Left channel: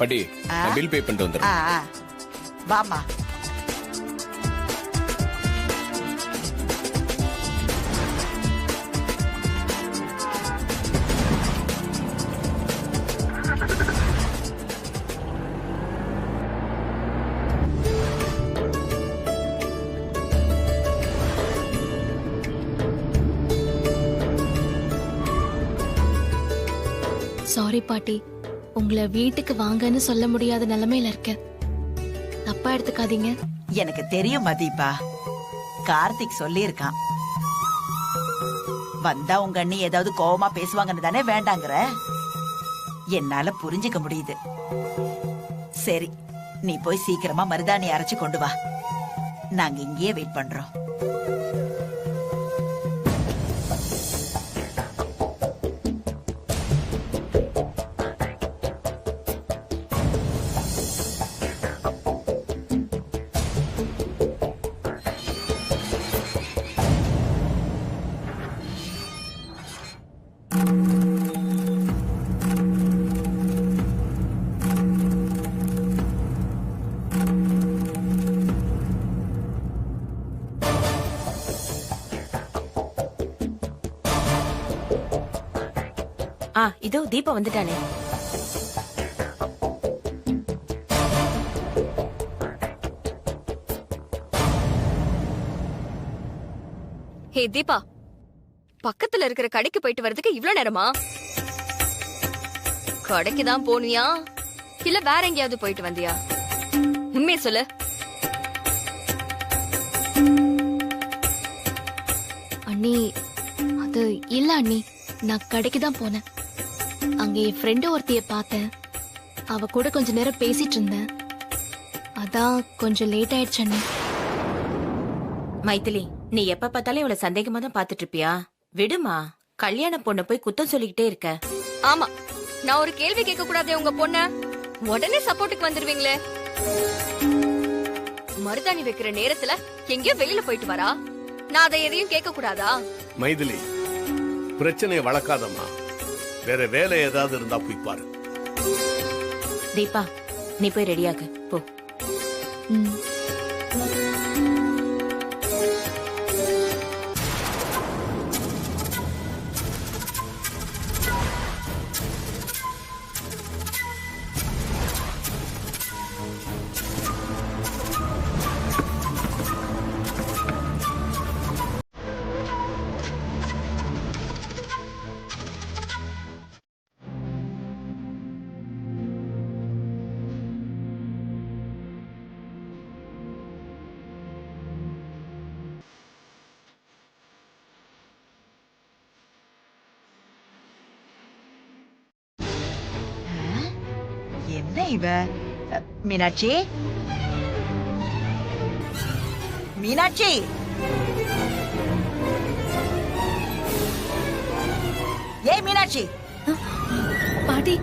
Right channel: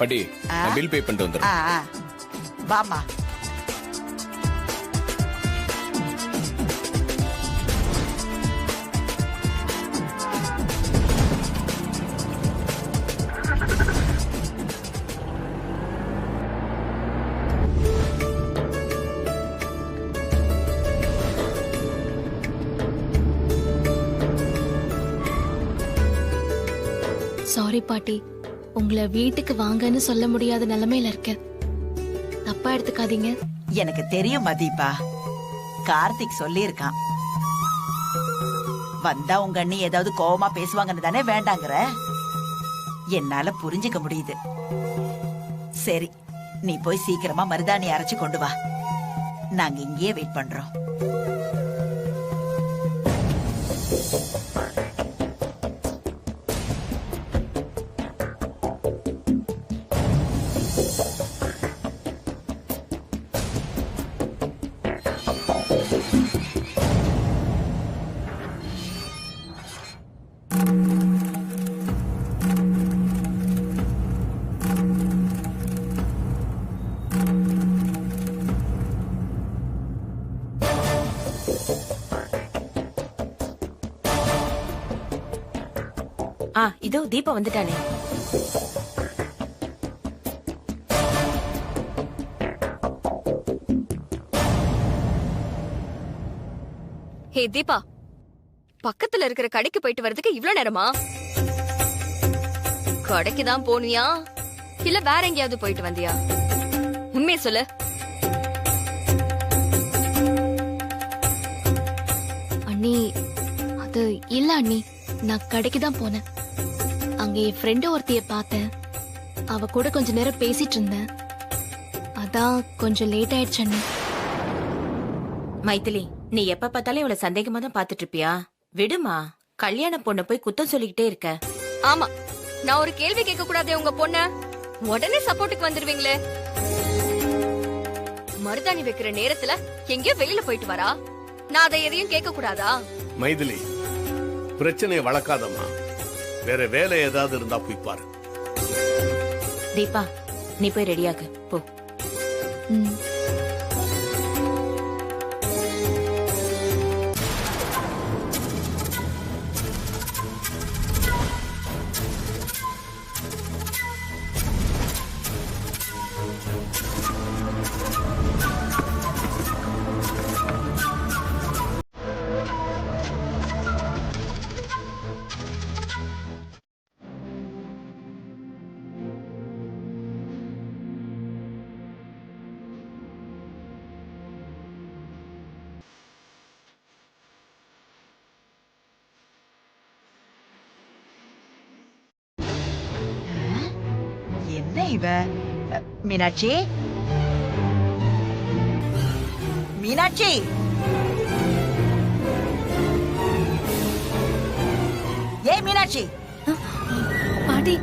படி bill pay பண்ணிட்டு வந்துடுறேன். வாமா. சாரி பாட்டி, உங்களை வீட்டுக்கு வாங்கன்னு சொல்ல முடியாத நிலைமையில இருக்க. தப்பா எடுத்துக்காதீங்க. எனக்கு தெரியும் மதீபா, கார்த்திக் சொல்லி இருக்கான். வந்தா உங்க அண்ணி ஏதாவது கோவமா பேசுவாங்கன்னு தானே வேண்டாங்கிற. என்னால புரிஞ்சுக்க முடியுது. சரி, நீ போய் சீக்கிரமா மருதாணி அரைச்சு கொண்டு வா. நாங்க இங்கேயே வெயிட் பண்றோம். இதோ தீபா வந்துட்டானே. ஹே தீபா, பக்கத்துல இருக்கிற கடைக்கு போயிட்டு வரதுக்கு இவ்ளோ நேரமா? கடைக்கு தான் போனியா இல்ல வேற எங்கேயாவது போயிட்டு வந்தியா? உண்மையை சொல்லு. அண்ணி, அது இல்ல அண்ணி, நான் கடைக்கு தான் போனேன். அங்க என் ஃப்ரெண்டு ஒருத்திய பார்த்தேன். அவ கூட கொஞ்ச நேரம் பேசிட்டு இருந்தேன். அதான் கொஞ்சம் லேட் ஆயிடுச்சு அண்ணி. மைதிலி, நீ எப்ப பார்த்தாலும் இவ்வளவு சந்தேகமா தான் பாத்துட்டு இருப்பியா? விடுமா, கல்யாண பொண்ணு போய் குத்தம் சொல்லிக்கிட்டே இருக்க. ஆமா, நான் ஒரு கேள்வி கேட்க கூடாதே உங்க பொண்ண. உடனே சப்போர்ட்டுக்கு வந்துருவீங்களே. மருதாணி வைக்கிற நேரத்துல எங்கேயோ வெளியில போயிட்டு வரா. நான் அதை எதையும் கேட்க கூடாதா? மைதிலி, பிரச்சனையை வளர்க்காதம்மா. வேற வேலை ஏதாவது இருந்தா போய் பாரு. தீபா, நீ போய் ரெடியாகு போ. என்ன இவ? மீனாட்சி, மீனாட்சி, ஏய் மீனாட்சி. பாட்டி,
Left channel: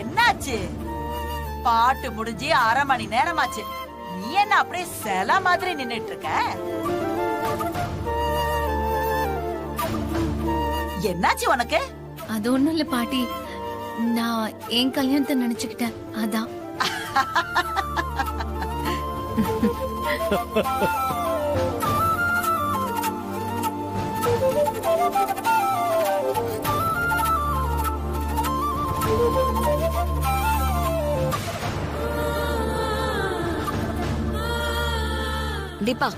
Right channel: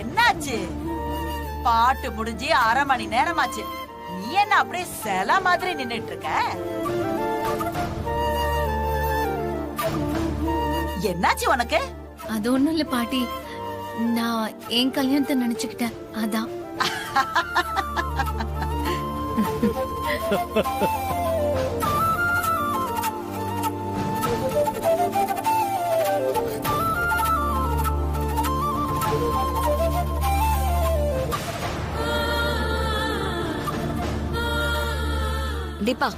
என்னாச்சு? பாட்டு முடிஞ்சு 1/2 மணி நேரமாச்சு. நீ என்ன அப்படியே சில மாதிரி நின்னுட்டு இருக்க? என்னாச்சு உனக்கு? அது ஒண்ணும் இல்ல பாட்டி, நான் என் கல்யாணத்தை நினைச்சுக்கிட்டேன், அதான். தீபா,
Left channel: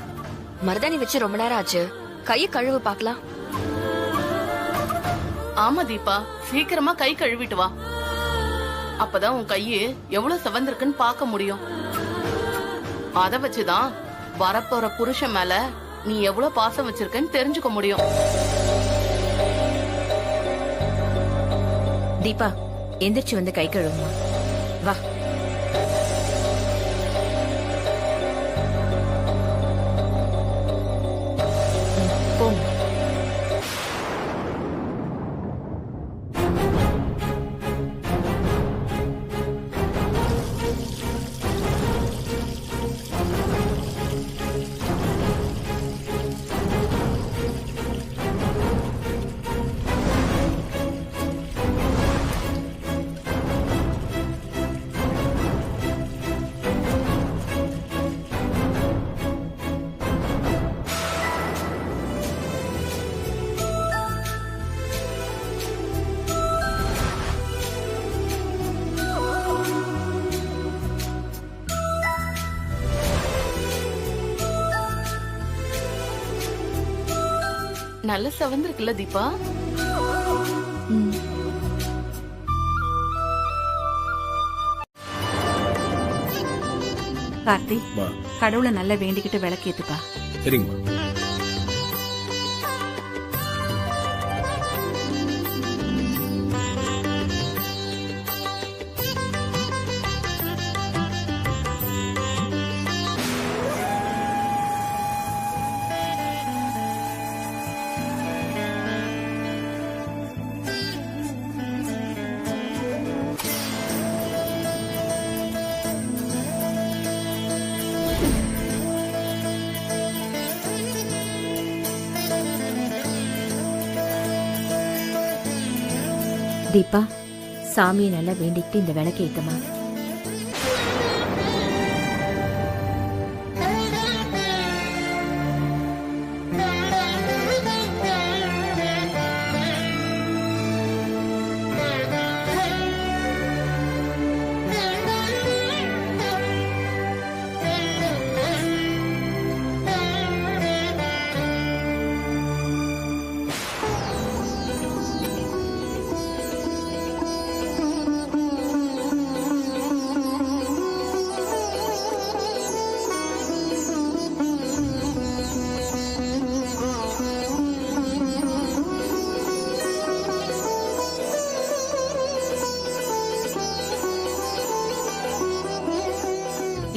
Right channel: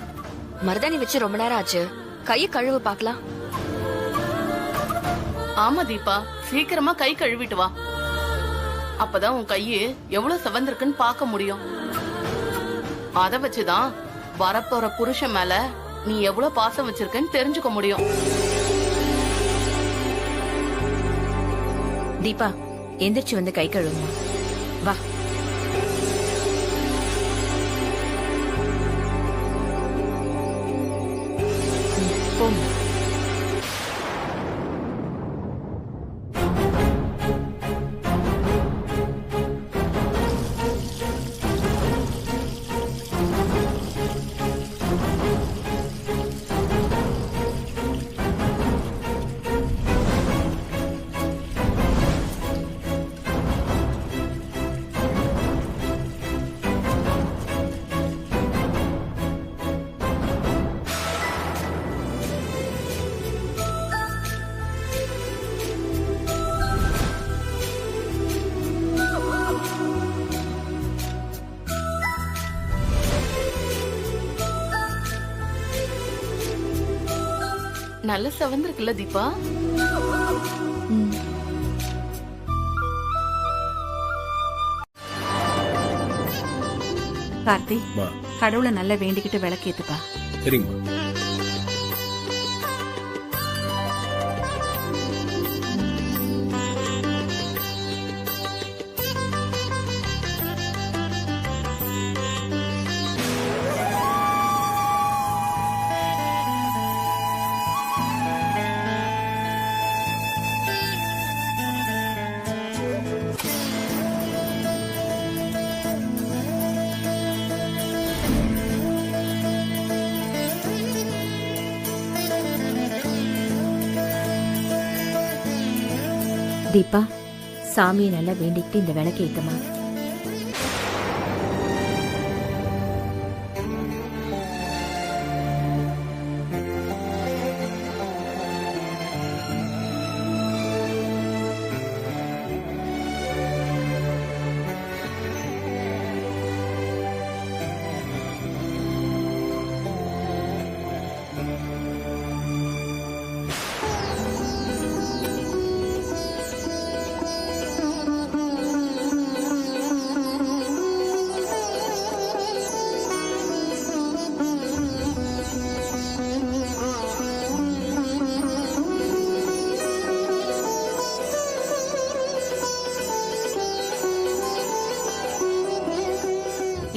மருதாணி வச்சு ரொம்ப நேரம் ஆச்சு. கையை கழுவு பாக்கலாம். ஆமா தீபா, சீக்கிரமா கை கழுவிட்டு வா. அப்பதான் உன் கையு எவ்வளவு செவந்திருக்குன்னு பார்க்க முடியும். அத வச்சுதான் வரப்போற புருஷன் மேல நீ எவ்வளவு பாசம் வச்சிருக்கன்னு தெரிஞ்சுக்க முடியும். தீபா, எந்திரிச்சு வந்து கை கழுவுமா. வா. போமா. நல்ல செவந்திருக்குல்ல தீபா? ம். கார்த்தி, மா கடவுளை நல்லா வேண்டிக்கிட்டு விளக்கேத்துப்பா. சரிங்கம்மா. தீபா, சாமியை நல்லா வேண்டிக்கிட்டு இந்த விளக்கு ஏத்தமா.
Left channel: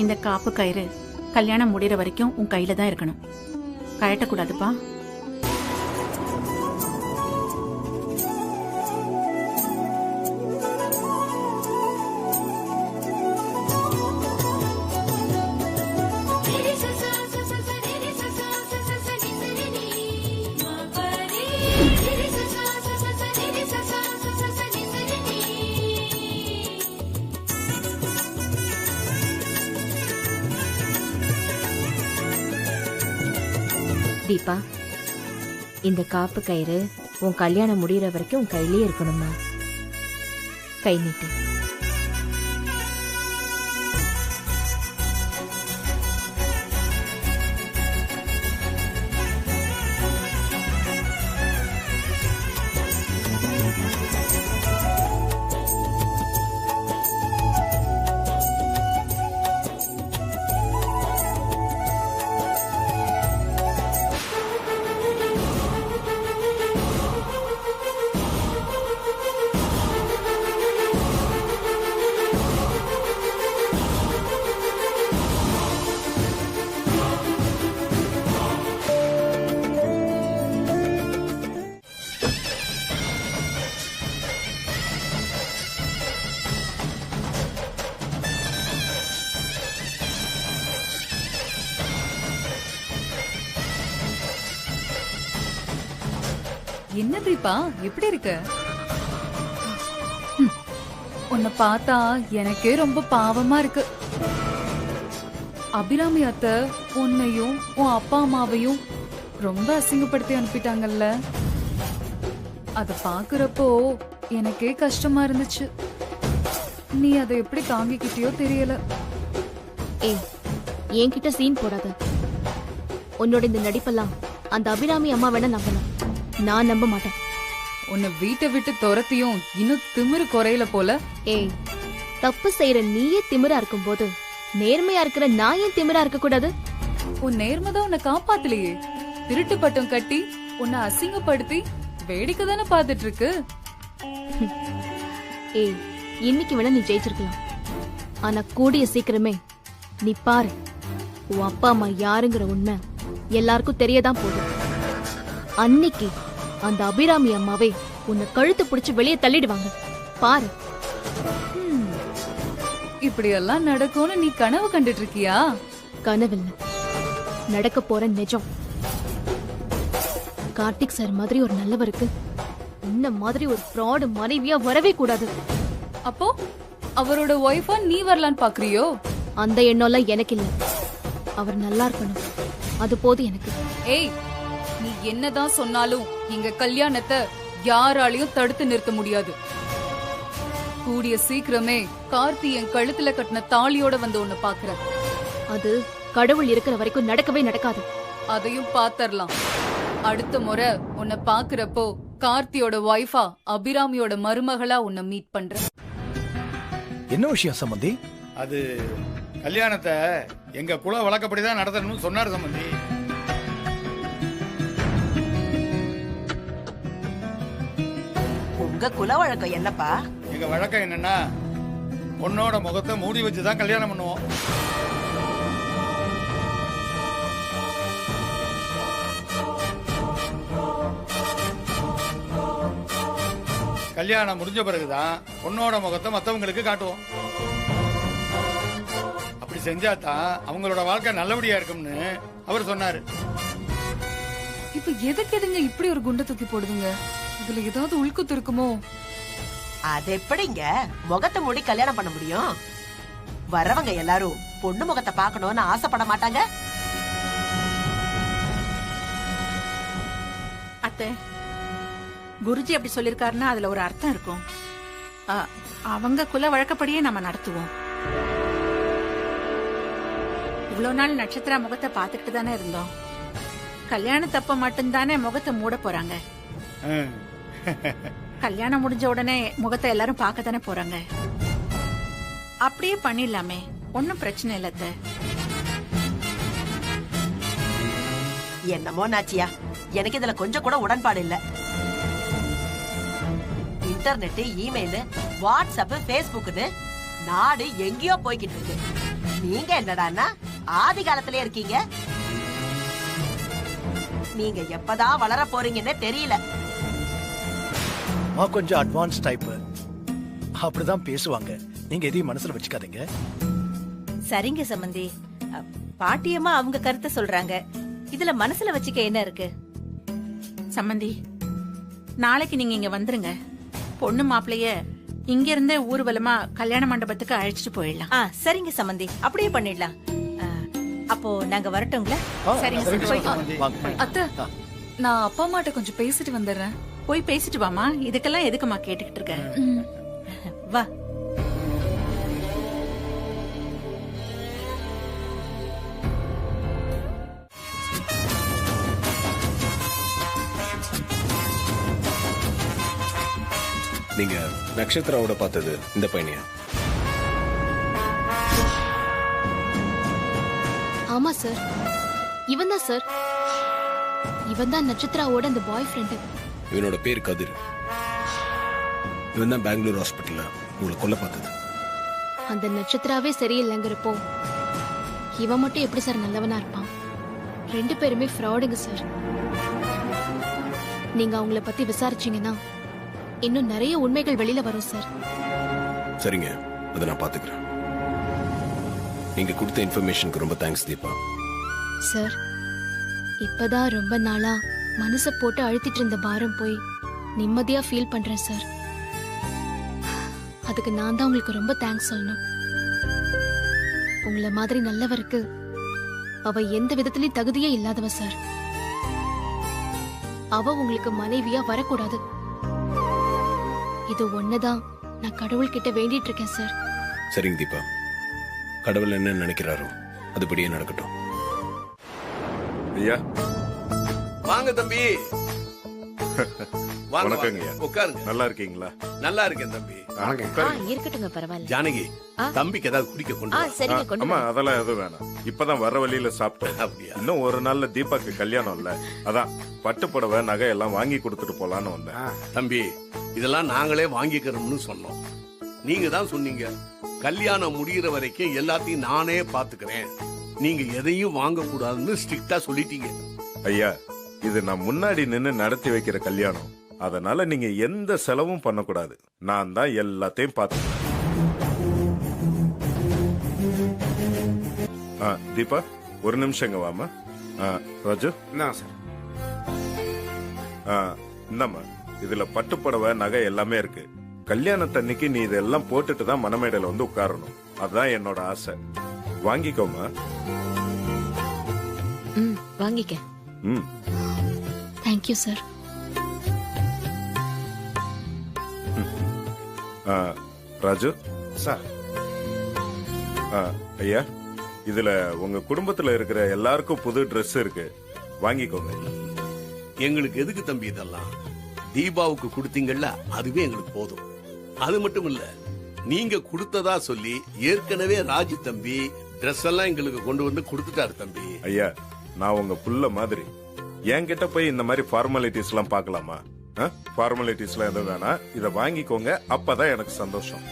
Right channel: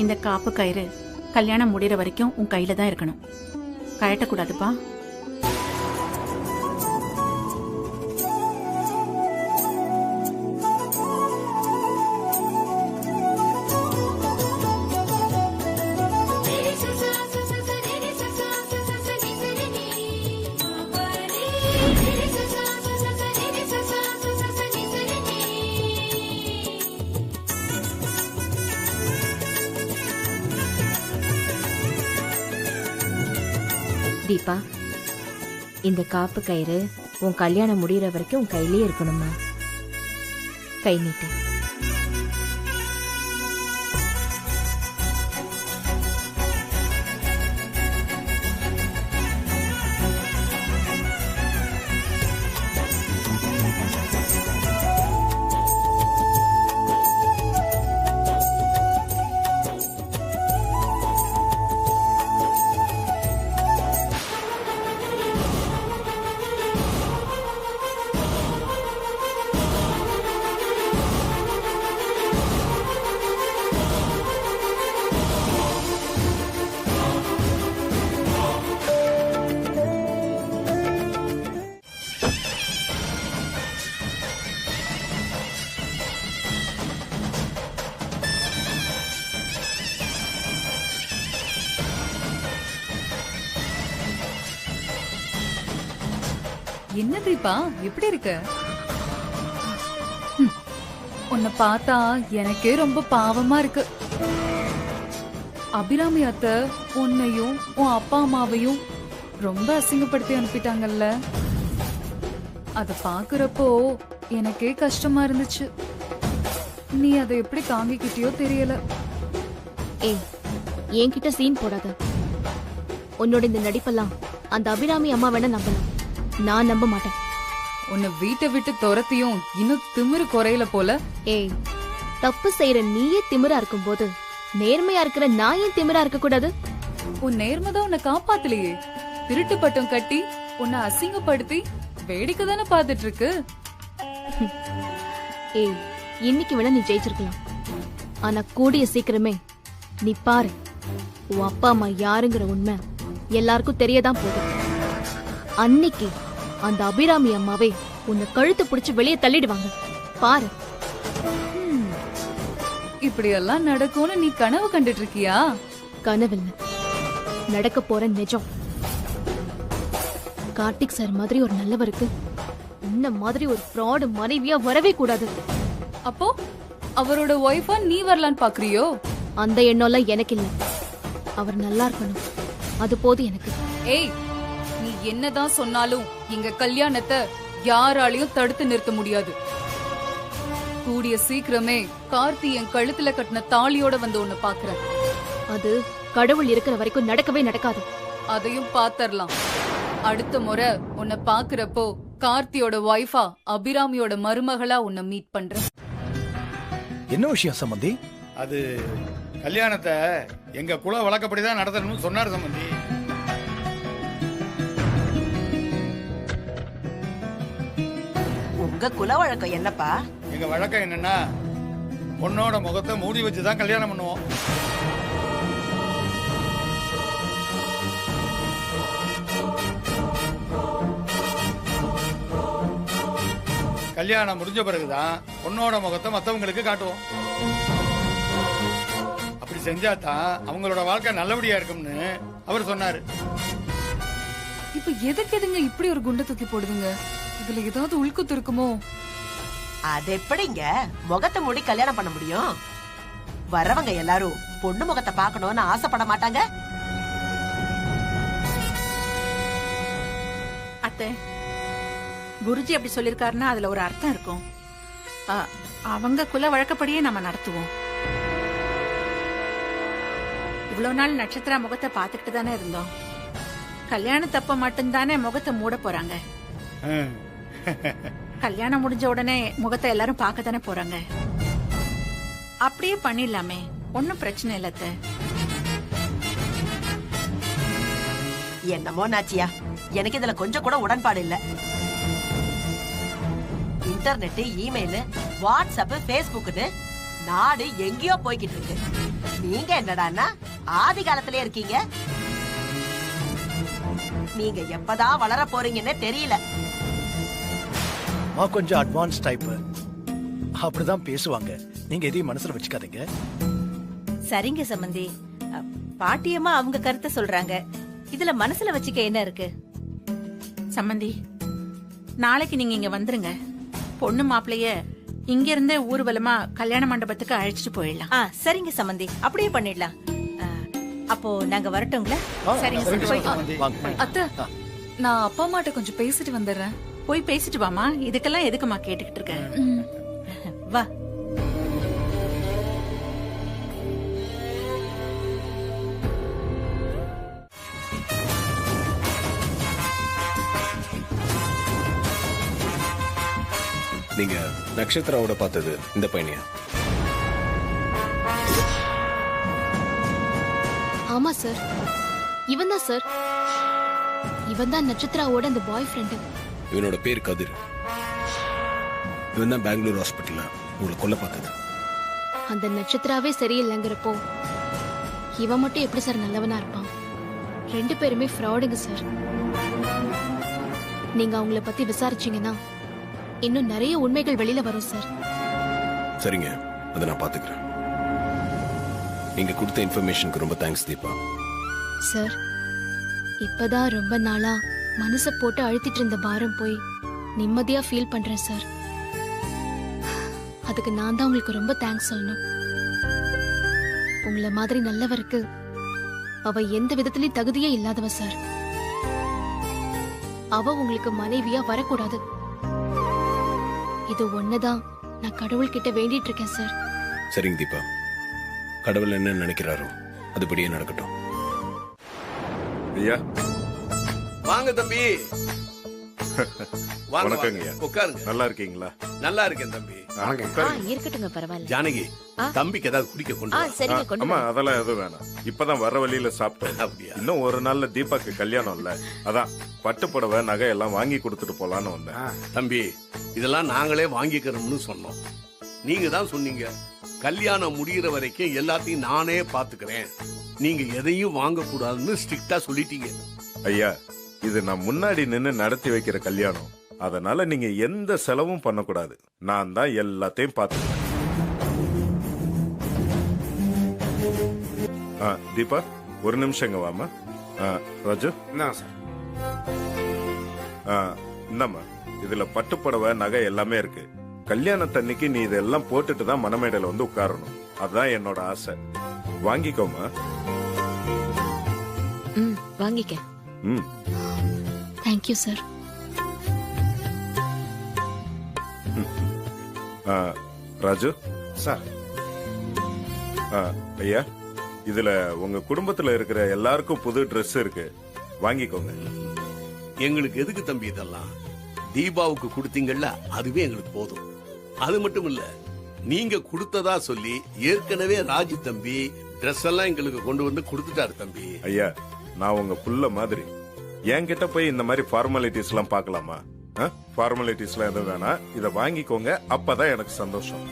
இந்த காப்பு கயிறு கல்யாணம் முடியற வரைக்கும் உன் கையில தான் இருக்கணும். கழட்டக்கூடாதுப்பா. தீபா, இந்த காப்பு கயிறு உன் கல்யாணம் முடியற வரைக்கும் உன் கையிலேயே இருக்கணுமா. கை நீட்டு. என்ன தீபா, எப்படி இருக்க? உன்னை பார்த்தா எனக்கே ரொம்ப பாவமா இருக்கு. அபிராமி அத்தை உன்னையும் உன் அப்பா அம்மாவையும் ரொம்ப அசிங்கப்படுத்தி அனுப்பிட்டாங்கல்ல. அத பாக்குறப்போ எனக்கே கஷ்டமா இருந்துச்சு. நீ அதை எப்படி தாங்கிக்கிட்டியோ தெரியல. ஏய், என்கிட்ட சீன் போடாத. உன்னோட இந்த நடிப்பெல்லாம் அந்த அபிராமி அம்மா வேணா நம்பலாம், நான் நம்ப மாட்டேன். உன்னை வீட்டை விட்டு துரத்தியும் இன்னும் திமிரு குறையல போல. ஏய், தப்பு செய்யற நீயே திமிரா இருக்கும் போது நேர்மையா இருக்கிற நான் ஏன் திமிரா இருக்க கூடாது? உன் நேர்மைதான் உன்னை காப்பாத்தலையே. திருட்டு பட்டம் கட்டி உன்னை அசிங்கப்படுத்தி வேடிக்கை தானே பாத்துட்டு இருக்கு. ஏய், இன்னைக்கு வேணா நீ ஜெயிச்சிருக்கலாம். ஆனா கூடிய சீக்கிரமே நீ பாரு, உன் அப்பா அம்மா யாருங்கிற உண்மை எல்லாருக்கும் தெரியதான் போகுது. அன்னைக்கு அந்த அபிராமி அம்மாவே உன்னை கழுத்து பிடிச்சு வெளியே தள்ளிடுவாங்க, பாரு. இப்படி எல்லாம் நடக்கும்னு நீ கனவு கண்டுட்டு இருக்கியா? கனவில்ல, நடக்க போற நிஜம். கார்த்திக் சார் மாதிரி ஒரு நல்லவருக்கு இந்த மாதிரி ஒரு ஃப்ராட் மனைவியா வரவே கூடாது. அப்போ அவரோட ஒய்ஃபா நீ வரலான்னு பாக்குறியோ? அந்த எண்ணம்லாம் எனக்கு இல்ல. அவர் நல்லா இருக்கணும், அது போதும் எனக்கு. ஏய், நீ என்னதான் சொன்னாலும் எங்க கல்யாணத்தை யாராலையும் தடுத்து நிறுத்த முடியாது. கூடிய சீக்கிரமே கார்த்தி என் கழுத்துல கட்டின தாலியோட வந்து உன்னை பாக்குறேன். அது கடவுள் இருக்கிற வரைக்கும் நடக்கவே நடக்காது. அதையும் பாத்தரலாம். அடுத்த முறை உன்னை பாக்குறப்போ கார்த்தியோட ஒய்ஃபா அபிராமியோட மருமகளா உன்னை மீட் பண்றேன். என்ன விஷயம் சம்பந்தி? அது கல்யாணத்தை எங்க குல வழக்கப்படிதான் நடத்தணும்னு சொன்னார் சம்பந்தி. உங்க குல வழக்கம் என்னப்பா? எங்க வழக்கம் என்னன்னா, பொண்ணோட முகத்தை மூடி வச்சுதான் கல்யாணம் பண்ணுவோம். கல்யாணம் முடிஞ்ச பிறகுதான் பொண்ணோட முகத்தை மத்தவங்களுக்கு காட்டுவோம். அப்படி செஞ்சாதான் அவங்களோட வாழ்க்கை நல்லபடியா இருக்கும்னு அவர் சொன்னாரு. இப்ப எதுக்கு எதுங்க இப்படி ஒரு குண்டை தூக்கி போடுதுங்க? இதுல ஏதாவது உள்குத்து இருக்குமோ? அது எப்படிங்க முகத்தை மூடி கல்யாணம் பண்ண முடியும்? வரவங்க எல்லாரும் பொண்ணு முகத்தை பார்க்கணும்னு ஆசைப்பட மாட்டாங்க? அத்தை, குருஜி அப்படி சொல்லிருக்காருன்னா அதுல ஒரு அர்த்தம் இருக்கும். அவங்க குல வழக்கப்படியே நம்ம நடத்துவோம். இவ்வளவு நாள் நட்சத்திரா முகத்தை பாத்துக்கிட்டு தானே இருந்தோம். கல்யாணத்தப்ப மட்டும்தானே முகத்தை மூட போறாங்க. கல்யாணம் முடிஞ்ச உடனே முகத்தை எல்லாரும் பார்க்க தானே போறாங்க. அப்படியே பண்ணிடலாமே, ஒன்னும் பிரச்சனை இல்ல அத்தை. என்னமோ நாச்சியா, எனக்கு இதுல கொஞ்சம் கூட உடன்பாடு இல்ல. இன்டர்நெட், இமெயில், வாட்ஸ்அப், பேஸ்புக்னு நாடு எங்கேயோ போய்கிட்டு இருக்கு. நீங்க என்னடான்னா ஆதி காலத்திலே இருக்கீங்க. நீங்க எப்பதான் வளர போறீங்கன்னு தெரியல. கொஞ்சம் அட்வான்ஸ் டைப், அப்படிதான் பேசுவாங்க. நீங்க எதையும் மனசுல வச்சுக்காதீங்க. சரிங்க சம்பந்தி, பாட்டியம்மா அவங்க கருத்தை சொல்றாங்க. இதுல மனசுல வச்சுக்க என்ன இருக்கு? சம்பந்தி, நாளைக்கு நீங்க இங்க வந்துருங்க. பொண்ணு மாப்பிளைய இங்க இருந்தே ஊர்வலமா கல்யாண மண்டபத்துக்கு அழைச்சிட்டு போயிடலாம். சரிங்க சம்பந்தி, அப்படியே பண்ணிடலாம். அப்போ நாங்க வரட்டுங்களா? சரிங்க. அத்தை, நான் அப்பா அம்மாட்ட கொஞ்சம் பேசிட்டு வந்துடுறேன். போய் பேசிட்டு வாமா. இதுக்கெல்லாம் எதுக்குமா கேட்டுக்கிட்டு இருக்க? வா. நீங்க நட்சத்திராவோட பார்த்தது இந்த பையனியா? ஆமா சார், இவன் தான் சார். இவன் தான் நட்சத்திராவோட அந்த பாய் ஃப்ரெண்டு. இவனோட பேர் கதிர். இவன் தான் பெங்களூர் ஹாஸ்பிட்டல்ல உங்களை கொல்ல பார்த்தது. அந்த நட்சத்திராவே சரியில்லைங்கிறப்போ இவன் மட்டும் எப்படி சார் நல்லவனா இருப்பான்? 2 பேருமே ஃப்ராடுங்க சார். நீங்க அவங்கள பத்தி விசாரிச்சீங்கன்னா இன்னும் நிறைய உண்மைகள் வெளியில வரும் சார். சரிங்க, அதை நான் பாத்துக்கிறேன். நீங்க கொடுத்த இன்ஃபர்மேஷனுக்கு ரொம்ப தேங்க்ஸ் தீபா. சார், இப்பதான் ரொம்ப நாளா மனச போட்டு அழுத்திட்டு இருந்த பாரம் போய் நிம்மதியா ஃபீல் பண்றேன் சார். அதுக்கு நான் தான் உங்களுக்கு ரொம்ப தேங்க்ஸ் சொல்லணும். உங்களை மாதிரி நல்லவருக்கு அவ எந்த விதத்திலயும் தகுதியே இல்லாதவ சார். அவ உங்களுக்கு மனைவியா வரக்கூடாது. இது ஒண்ணுதான் நான் கடவுள் கிட்ட வேண்டிட்டு இருக்கேன் சார். சரிங்க தீபா, கடவுள் என்ன நினைக்கிறாரோ அதுபடியே நடக்கட்டும். ஐயா வாங்க தம்பி. வணக்கங்க. உட்காருங்க. நல்லா இருக்கீங்களா? நல்லா இருக்கேன் தம்பி. இருக்கட்டுங்க, பரவாயில்ல. ஜானகி, தம்பிக்கு ஏதாவது குடிக்க கொண்டு அம்மா அதெல்லாம் எதுவும் வேணாம். இப்பதான் வர வழியில சாப்பிட்டோம். அப்படியா? இன்னும் ஒரு நாள்ல தீபாக்கு கல்யாணம் இல்ல, அதான் பட்டு புடவை நகை எல்லாம் வாங்கி கொடுத்துட்டு போலான்னு வந்தேன். தம்பி, இதெல்லாம் நாங்களே வாங்கிக்கிறோம்னு சொன்னோம். நீங்க தான் சொன்னீங்க கல்யாணம் முடிகிற வரைக்கும் எல்லாத்தையும் நானே பாத்துக்கிறேன், நீங்க எதையும் வாங்க கூடாதுன்னு ஸ்ட்ரிக்டா சொல்லிட்டீங்க. ஐயா, இது நான் முன்னாடி நின்னு நடத்தி வைக்கிற கல்யாணம், அதனால நீங்க எந்த செலவும் பண்ணக்கூடாது. நான் தான் எல்லாத்தையும் பாத்துக்கிறேன். தீபா, ஒரு நிமிஷம் இங்க வாமா. ராஜு, இந்தாம்மா, இதுல பட்டு புடவை நகை எல்லாமே இருக்கு. கல்யாணத்தன்னைக்கு நீ இதெல்லாம் போட்டுட்டு தான் மணமேடையில வந்து உட்காரணும். அதுதான் என்னோட ஆசை. வாங்கிக்கோமா. வாங்கிக்க. Thank you sir. ராஜு சார். ஐயா, இதுல உங்க குடும்பத்துல இருக்கிற எல்லாருக்கும் புது Dress இருக்கு, வாங்கிக்கோங்க. எங்களுக்கு எதுக்கு தம்பி இதெல்லாம்? தீபாவுக்கு கொடுத்தீங்கல்ல, அதுவே எங்களுக்கு போதும். அது மட்டும் இல்ல, நீங்க கொடுத்ததா சொல்லி ஏற்கனவே ராஜு தம்பி ட்ரெஸ் எல்லாம் எங்களுக்கு கொண்டு வந்து கொடுத்துட்டாரு தம்பி. ஐயா, நான் உங்க புள்ள மாதிரி. என்கிட்ட போய் இந்த மாதிரி ஃபார்மாலிட்டிஸ் எல்லாம் பார்க்கலாமா? ஃபார்மாலிட்டிஸ் எல்லாம் எதுவும் வேணாம், இத வாங்கிக்கோங்க, அப்பதான் எனக்கு சந்தோஷம்.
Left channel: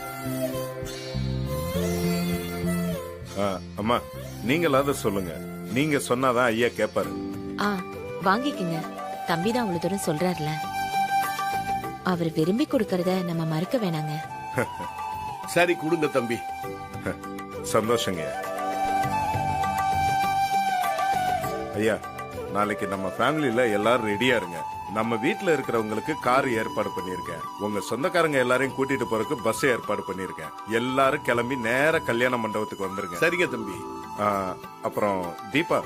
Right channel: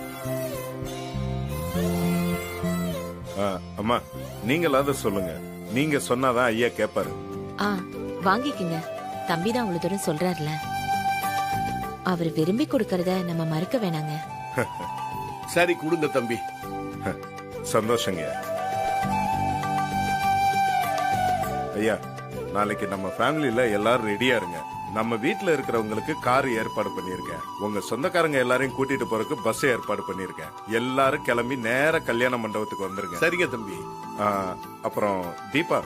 அம்மா, நீங்களாவது சொல்லுங்க. நீங்க சொன்னாதான் ஐயா கேப்பாரு. வாங்கிக்கங்க. தம்பி தான் அவ்வளவு தூரம் சொல்றாருல, அவர் விரும்பி கொடுக்கறத நம்ம மறுக்க வேணாங்க. சரி, கொடுங்க தம்பி. சந்தோஷங்க ஐயா. நாளைக்கு நம்ம ஃபேமிலில எல்லாரும் ரெடியா இருங்க. நம்ம வீட்டுல இருக்கிறவங்களுக்கு கார் ஏற்பாடு பண்ணிருக்கேன். உங்க சொந்தக்காரங்க எல்லாரையும் கூட்டிட்டு போறதுக்கு பஸ் ஏற்பாடு பண்ணிருக்கேன். எல்லாரும் கிளம்பி நேர கல்யாண மண்டபத்துக்கு வந்துருங்க. சரிங்க தம்பி. அப்புறம் தீபா,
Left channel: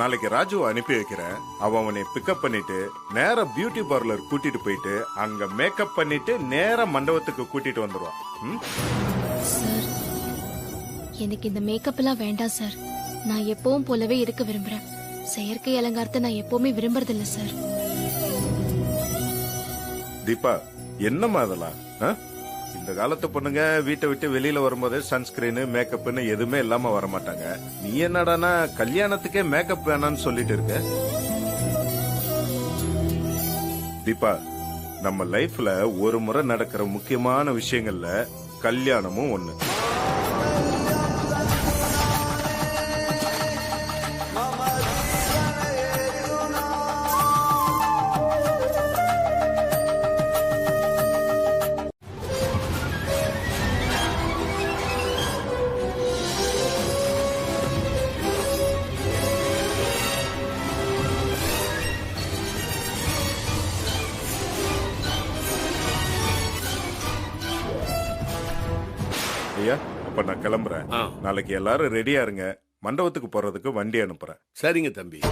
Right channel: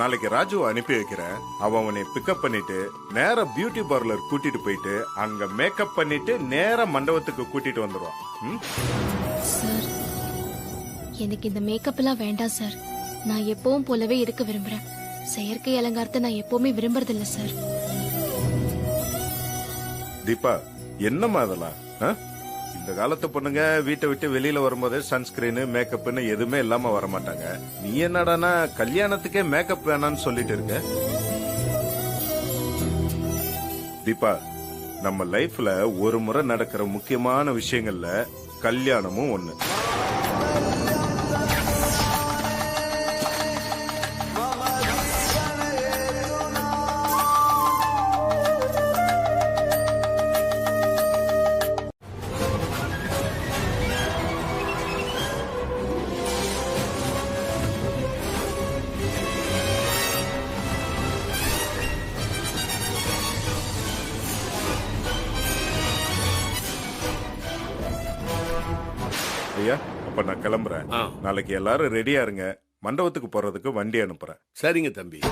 நாளைக்கு ராஜு அனுப்பி வைக்கிறேன். அவன் உன்னை பிக்கப் பண்ணிட்டு நேர பியூட்டி பார்லர் கூட்டிட்டு போயிட்டு அங்க மேக்கப் பண்ணிட்டு நேர மண்டபத்துக்கு கூட்டிட்டு வந்துருவான். சார், எனக்கு இந்த மேக்கப் எல்லாம் வேண்டாம் சார். நான் எப்பவும் போலவே இருக்க விரும்புறேன். செயற்கை அலங்காரத்தை நான் எப்பவுமே விரும்புறதில்ல சார். தீபா, என்னம்மா அதெல்லாம்? இந்த காலத்து பொண்ணுங்க வீட்டை விட்டு வெளியில வரும்போது சன்ஸ்கிரீன் மேக்கப்னு எதுவுமே இல்லாம வர மாட்டாங்க. நீ என்னடானா கல்யாணத்துக்கே மேக்கப் வேணான்னு சொல்லிட்டு இருக்க? தீபா, நம்ம லைஃப்ல ஒரு முறை நடக்கிற முக்கியமான விஷயங்கள்ல கல்யாணமும் ஒண்ணு. ஐயா, அப்ப நான் கிளம்புறேன். நாளைக்கு எல்லாரும் ரெடியா இருங்க. மண்டபத்துக்கு போறதுக்கு வண்டி அனுப்புறேன். சரிங்க தம்பி.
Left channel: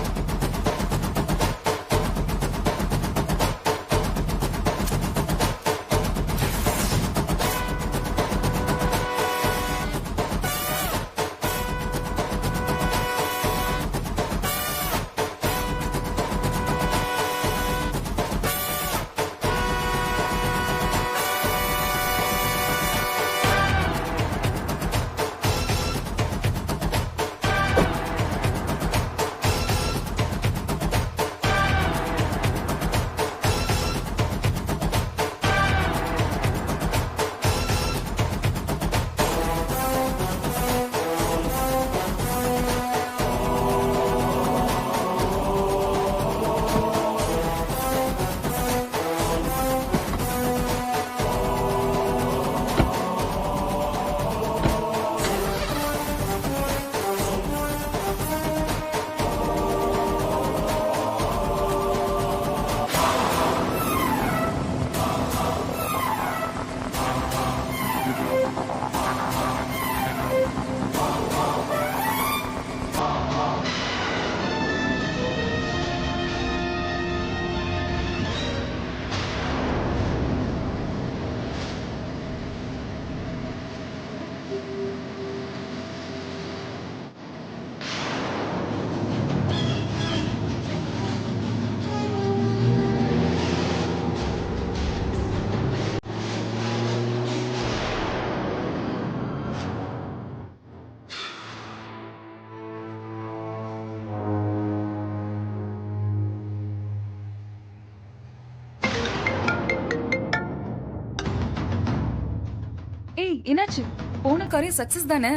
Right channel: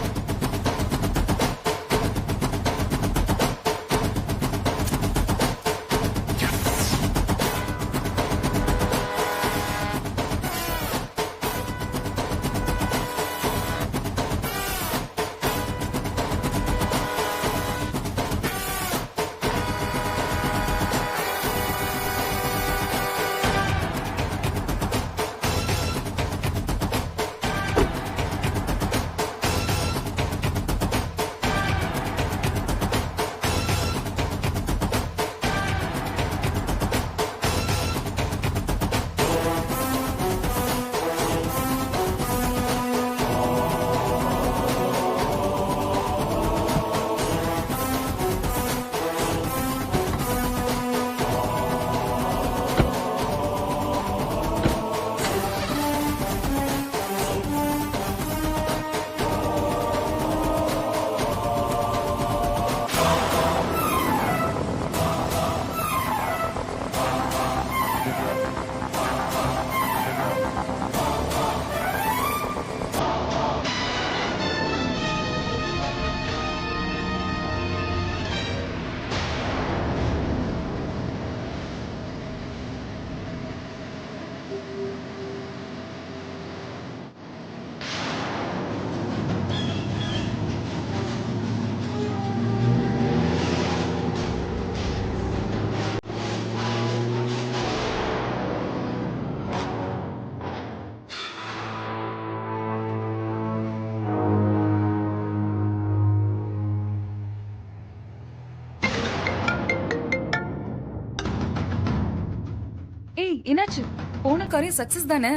என்னாச்சு? போன காரியம் சக்சஸ் தானே?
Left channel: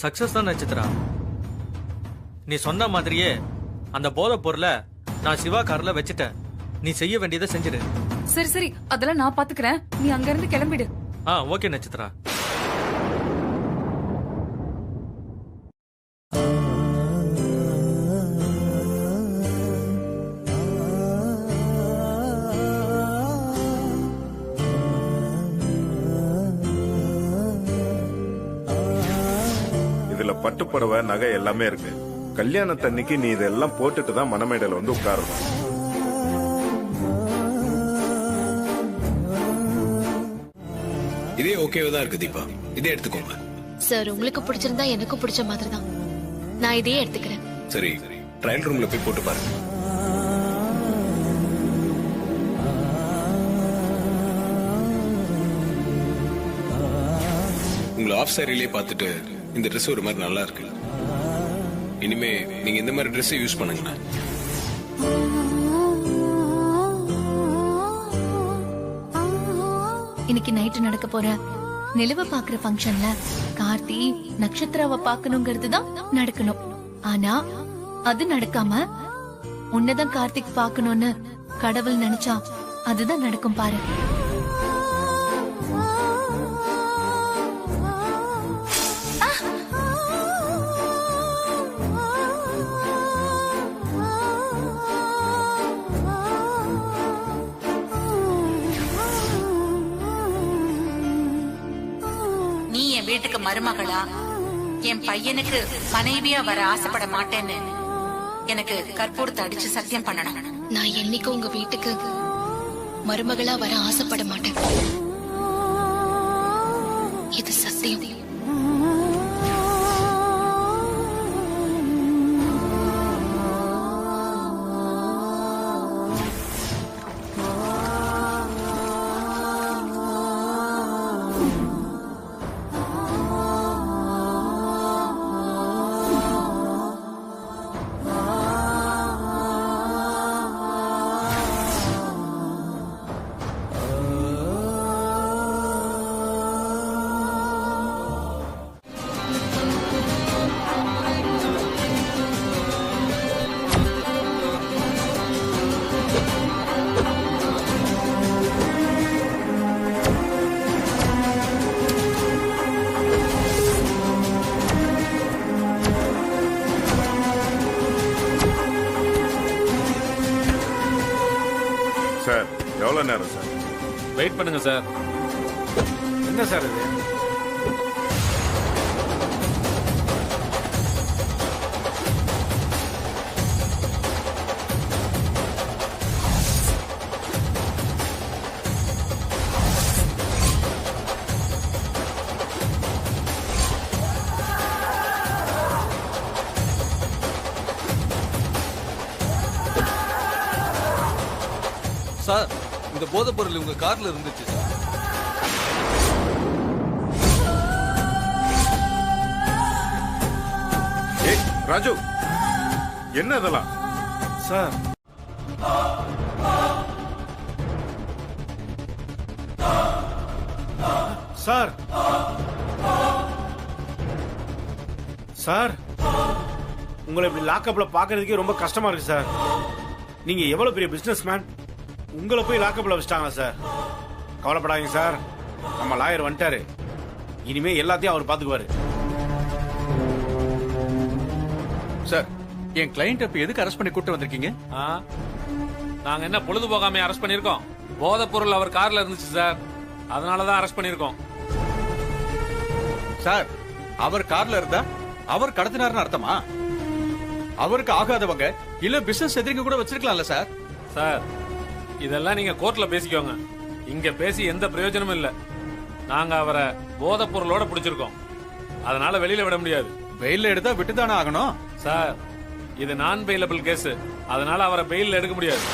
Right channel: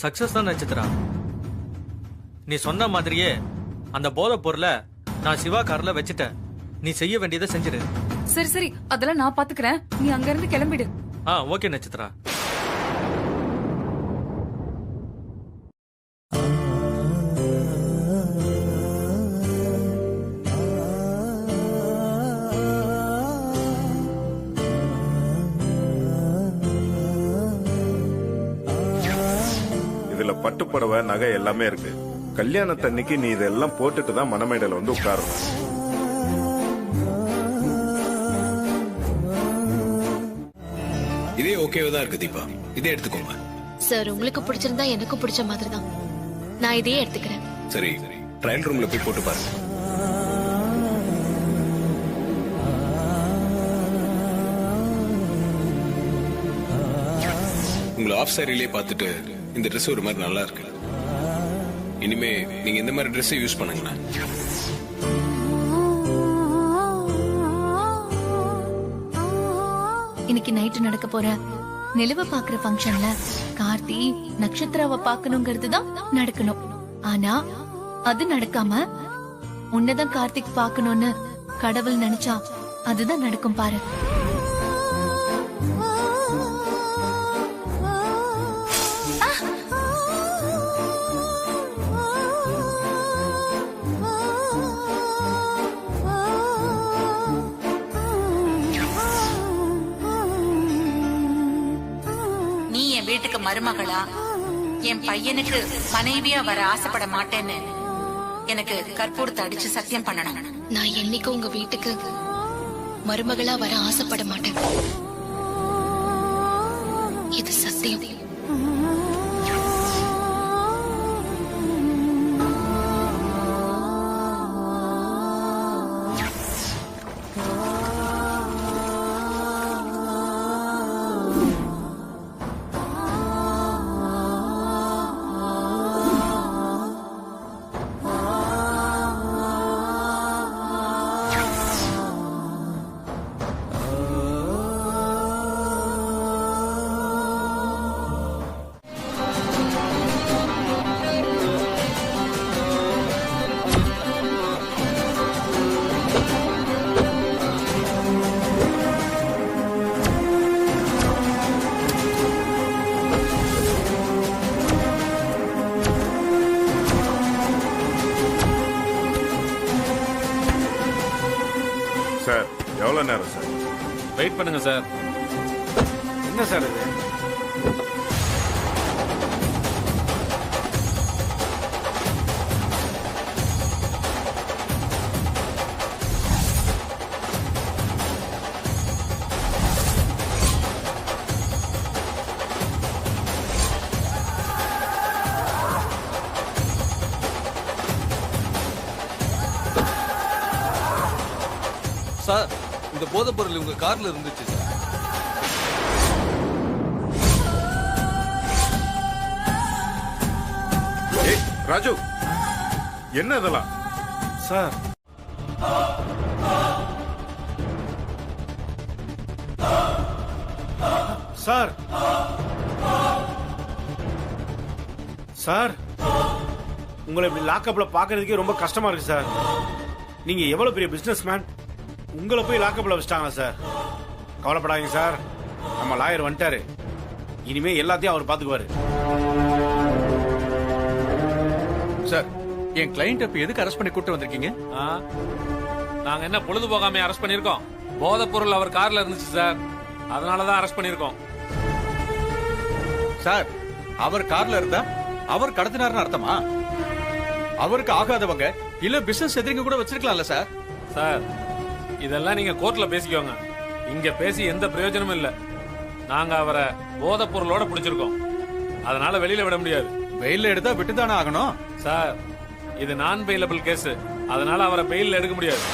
சக்சஸ் தான் நட்சத்திரா. நீ சொன்ன மாதிரியே அந்த போதை பொருளை நான் சிவா கார்ல வச்சுட்டேன். நீ செய்ய வேண்டியதை செஞ்சிடு. சரி சரி, அதெல்லாம் நான் பாத்துக்கிறேன். நீ அங்க இருந்து கிளம்பிடு. ஓகே நட்சத்திரா. இதுல பட்டுப்புடவை நகை எல்லாமே இருக்கு. கல்யாணத்தன்னைக்கு நீ இதெல்லாம் போட்டுட்டு தான் மணமேடையில வந்து உட்காரணும். இதே ஓகேவா தான் இருக்கு தீபா, இதே எடுத்துக்கோங்க. சார், உங்களுக்கு பிடிச்சிருந்தா எனக்கும் பிடிச்ச மாதிரி தான். நான் இதையே எடுத்துக்கிறேன். சரி, ட்ரையல் ரூம்ல போய் போட்டு பாருங்க. உங்களை ஆஃப் சாரிலே பார்த்துட்டு இந்த ட்ரெஸ் ஒரு மாதிரி நல்லா இருக்கு. இனிமே நீங்க இந்த மாதிரி ட்ரெஸ் யூஸ் பண்ணுங்கண்ணா. இன்னைக்கு நைட்டு நடக்க போற நிலவை பாக்குற ஃபங்க்ஷன்ல கார்த்தி நட்சத்திராவை பாக்கணுங்கிறது தான் நடக்கணும். ஆனா அது நடக்காம உன்னதான் கார்த்திக் பாக்கணும்னு கடவுள் நினைச்சா அதுதான் நடக்கும் பாரு. நீ என் வீட்டுக்கு மருமகளா, என் பையனுக்கு மனைவியா வர ஆசைப்பட மாட்டேன்னு எனக்கு கற்பூரத்தை அடிச்சு சத்தியம் பண்ணணும். நான் என்னைக்கும் உங்க வீட்டுக்கு மருமகளா வர ஆசைப்பட மாட்டேன். இது சத்தியம். சார் எவ்வளவு நேரம் சார்? வெயிட் பண்ணுங்க சார். என்ன சார் இது? சார், இந்த போதைப் பொருள் உங்க கார்ல இருந்துச்சு சார். ஏய் ராஜு, என்ன இதெல்லாம்? சார் சார் சார் உங்களை இப்படி லாக்அப்ல பாக்குறதுக்கே ரொம்ப கஷ்டமா இருக்கு சார். நீங்க எவ்வளவு பெரிய பிசினஸ் மேன், உங்களை போய் லாக்அப்ல வச்சிட்டாங்களா சார்? கவலைப்படாதீங்க சார், நம்ம லாயர் வந்துட்டாரு. இனிமே எல்லாத்தையும் அவர் பாத்துக்குவாரு. சார், என் கிளையண்ட் இப்ப எதுக்கு அரெஸ்ட் பண்ணி கூட்டு வந்திருக்கீங்க? நாங்க என்ன பொழுது போகாம அரெஸ்ட் பண்ணிருக்கோம்? போதைப் பொருள் அவர் கார்ல இருந்துச்சு சார், அதனாலதான் அரெஸ்ட் பண்ணிருக்கோம். சார், அவர் கார்ல இருந்தா அவர் கடத்தினார்னு அர்த்தமா? அவருக்கு ஆகாதவங்க இல்ல பிசினஸ் எதிரிங்க கூட வச்சிருக்கலாம்ல சார்? சார், இதெல்லாம் நீங்க கோர்ட்ல பேசிக்கோங்க. இங்க பேசி எந்த பிரயோஜனமும் இல்ல. நாங்க அவரை போதைப் பொருளோட பிடிச்சிருக்கோம், அதனால வெளியில விட முடியாது. வெயில்ல எடுத்தா விட்டுதானே ஆகணும் சார். இது நான் பெயிலபிள் கேஸ், அதனால அவரை பெயில்ல எடுக்க முடியாது.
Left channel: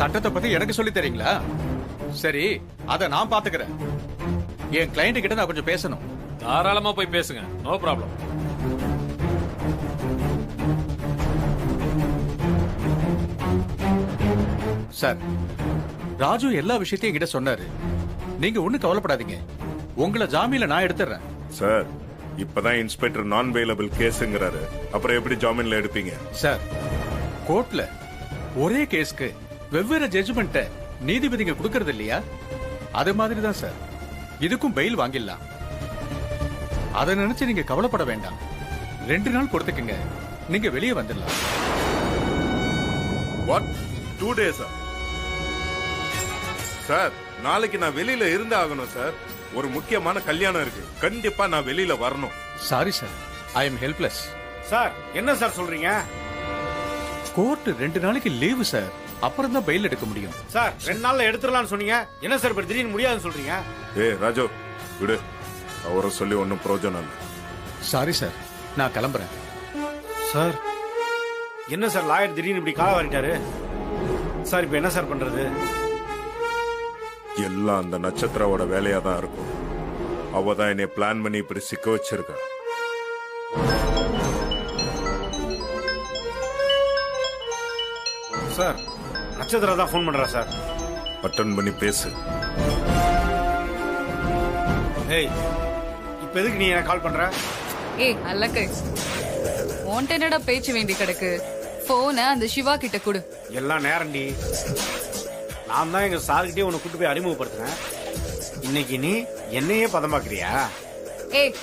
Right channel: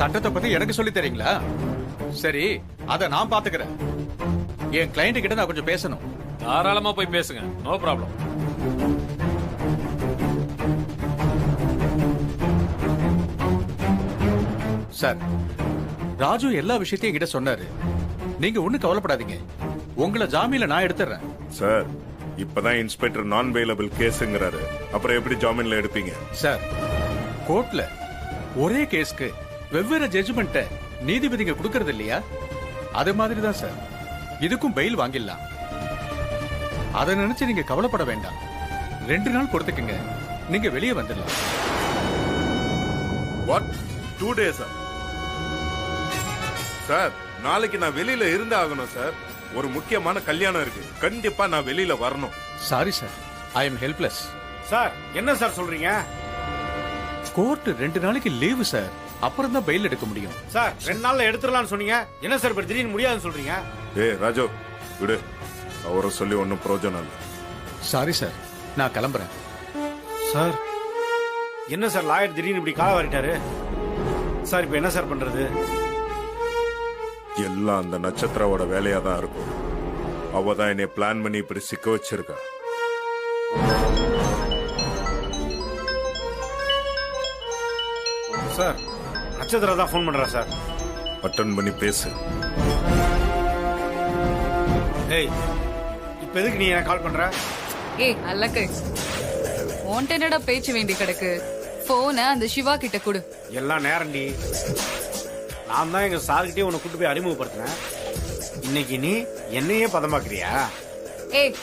சட்டத்தை பத்தி எனக்கு சொல்லி தரீங்களா? சரி, அத நான் பாத்துக்கிறேன். என் கிளையண்ட் கிட்ட நான் கொஞ்சம் பேசணும். தாராளமா போய் பேசுங்க, நோ ப்ராப்ளம். சார், ராஜு எல்லா விஷயத்தையும் என்கிட்ட சொன்னாரு. நீங்க ஒண்ணு கவலைப்படாதீங்க, உங்களை ஜாமீன்ல நான் எடுத்துறேன். சார், இப்பதான் இன்ஸ்பெக்டர் நான் பெயிலபிள் கேஸ்ங்கிறாரு, அப்புறம் எப்படி ஜாமீன்ல எடுப்பீங்க? சார், கோர்ட்ல ஒரே கேஸ்க்கு வெவ்வேறு ஜட்ஜ்மெண்ட்ட நீதிபதிங்க கொடுக்கறது இல்லையா? அது மாதிரி தான் சார், இதுக்கும் பெயில் வாங்கிடலாம். அதை நினைச்சு நீங்க கவலைப்பட வேண்டாம். 2 நாள் கொடுத்துக்குங்க, நீங்க வெளியே வந்துடலாம். வாட், 2 டேஸா? சார், நாளைக்கு நான் வெளியில இருந்து ஆகணும் சார். ஒரு முக்கியமான கல்யாணம் இருக்கு, கண்டிப்பா நான் வெளியில வரணும். Sorry sir, I am helpless. Sir, என்ன சார் சொல்றீங்க? கோர்ட் 2 நாளைக்கு லீவு சார், அப்புறம் தான் பெயில் எடுக்க முடியும். சார், 2 நாள்ல எடுத்துடலாம்னு சொன்னீங்க, என்ன சார் இப்ப திடீர்னு முடியாதுன்னு சொல்றீங்க? ஏய் ராஜு, விடு, அவரை சொல்லி ஒன்னும் பிரயோஜனம் இல்லை. சாரி சார், நான் கிளம்புறேன். சார், என்ன சார் லாயர் திடீர்னு இப்படி கால வாரிட்டாரு? சார், இப்ப என்ன சார் பண்றது? எல்லாம் அந்த நட்சத்திராவோட வேலையா தான் இருக்கும். அவ தான் என்னை பிளான் பண்ணி இப்படி சிக்க வச்சிருக்கா. சார், நட்சத்திரா தான் ஃபோன் பண்றா சார். அட்டன் பண்ணி பேசு. ஏய், இப்ப எதுக்கு நீ எனக்கு கால் பண்ற? ஏய் அல்லக்கை, உன்ட்ட என்னடா பேச்சு வேண்டி கிடக்கு? போன அந்த சிவா கிட்ட கொடு. எல்லாம் நேரண்டி. நான் தான் எங்க சார்கிட்டே உன்னை கூட்டு போய் அறிமுகப்படுத்தினேன். இன்னைக்கு நீ என்னையே பதமாக்குறியா? ஏய்,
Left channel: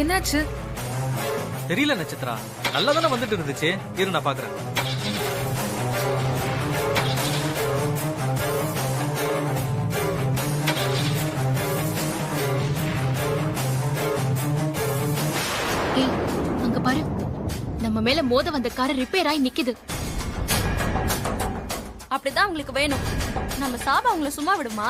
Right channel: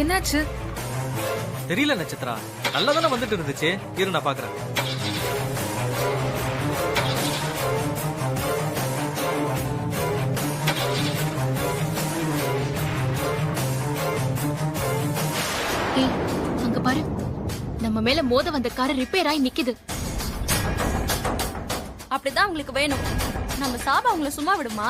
என்னாச்சு? தெரியல நட்சத்திரா, நல்லா தானே வந்துட்டு இருந்துச்சு. இரு நான் பாக்குறேன். ஏய், அங்க பாரு, நம்ம மேல மோத வந்த கார் ரிப்பேர் ஆகி நிக்குது. அப்படிதான் உங்களுக்கு வேணும். நம்ம சாபா உங்களை சும்மா விடுமா?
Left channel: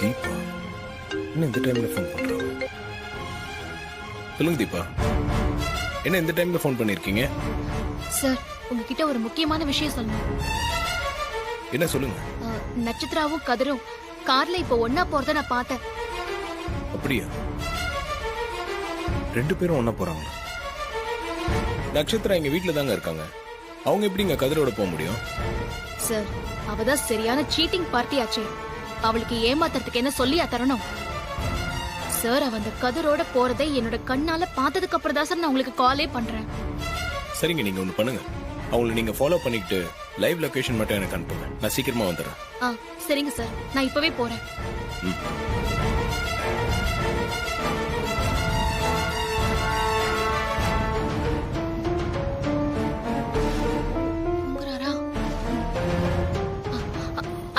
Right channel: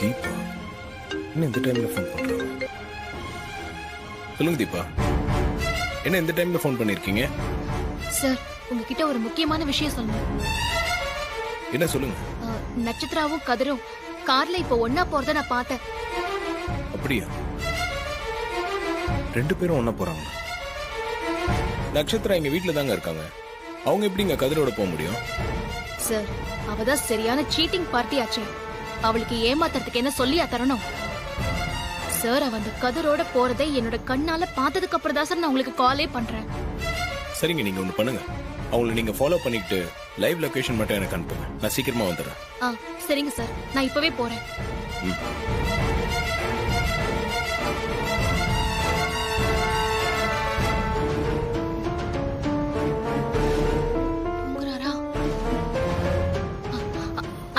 தீபா என்ன இந்த டைம்ல ஃபோன் பண்றாங்க? சொல்லுங்க தீபா, என்ன இந்த டைம்ல ஃபோன் பண்ணிருக்கீங்க? சார், உங்ககிட்ட ஒரு முக்கியமான விஷயம் சொல்லணும். என்ன சொல்லுங்க. நட்சத்திராவும் கதிரும் கார்ல இப்ப ஒன்னா போறத நான் பார்த்தேன். அப்படியா? 2 பேரும் ஒன்னா போறாங்களா? நட்சத்திரா எங்க வீட்டுல தாங்க இருக்காங்க. அவங்க எப்படிங்க கதிரோட போக முடியும்? சார், அவதான் சரியான சீட்டிங் பார்ட்டி ஆச்சே. அவளுக்கு ஏமாத்துறதுக்கு என்ன சொல்லியா தரணும்? சார், அவ அந்த கதிரோட போறதை என்னோட கண்ணால பார்த்ததுக்கு அப்புறம் தான் சார் நான் உங்களுக்கு காலே பண்றேன். சரிங்க, நீங்க ஒண்ணு பண்ணுங்க. அவங்களை நீங்க ஃபாலோ பண்ணிக்கிட்டு லைவ் லொகேஷன் மட்டும் எனக்கு அனுப்புங்க. நான் சீக்கிரமா வந்துடுறேன். சரிங்க சார், நான் இப்பவே போறேன்.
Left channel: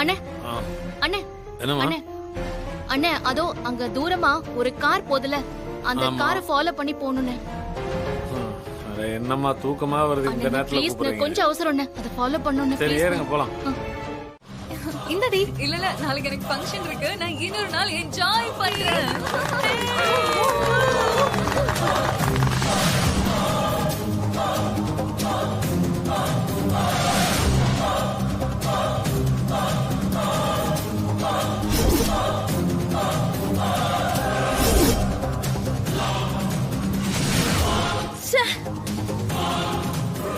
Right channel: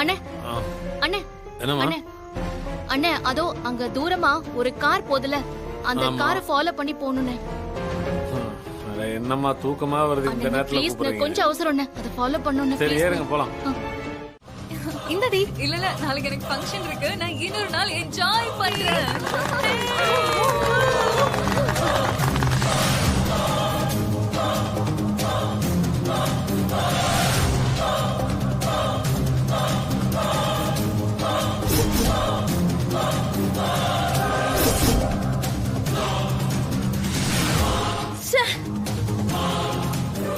அண்ணே, அண்ணே, அண்ணே, அண்ணே, அதோ அங்க தூரமா ஒரு கார் போதுல, அந்த காரை ஃபாலோ பண்ணி போகணும்னே. என்னம்மா தூக்கமா வருது இந்த நேரத்துல? ப்ளீஸ், கொஞ்சம் அவசரம், அதை ஃபாலோ பண்ணனும். சரி, ஏறுங்க போலாம். இந்தடி, இல்ல நாளைக்கு எனக்கு ஃபங்க்ஷன் இருக்கு. நான் இன்னொரு நாள் என்ஜாய் பண்றேன்.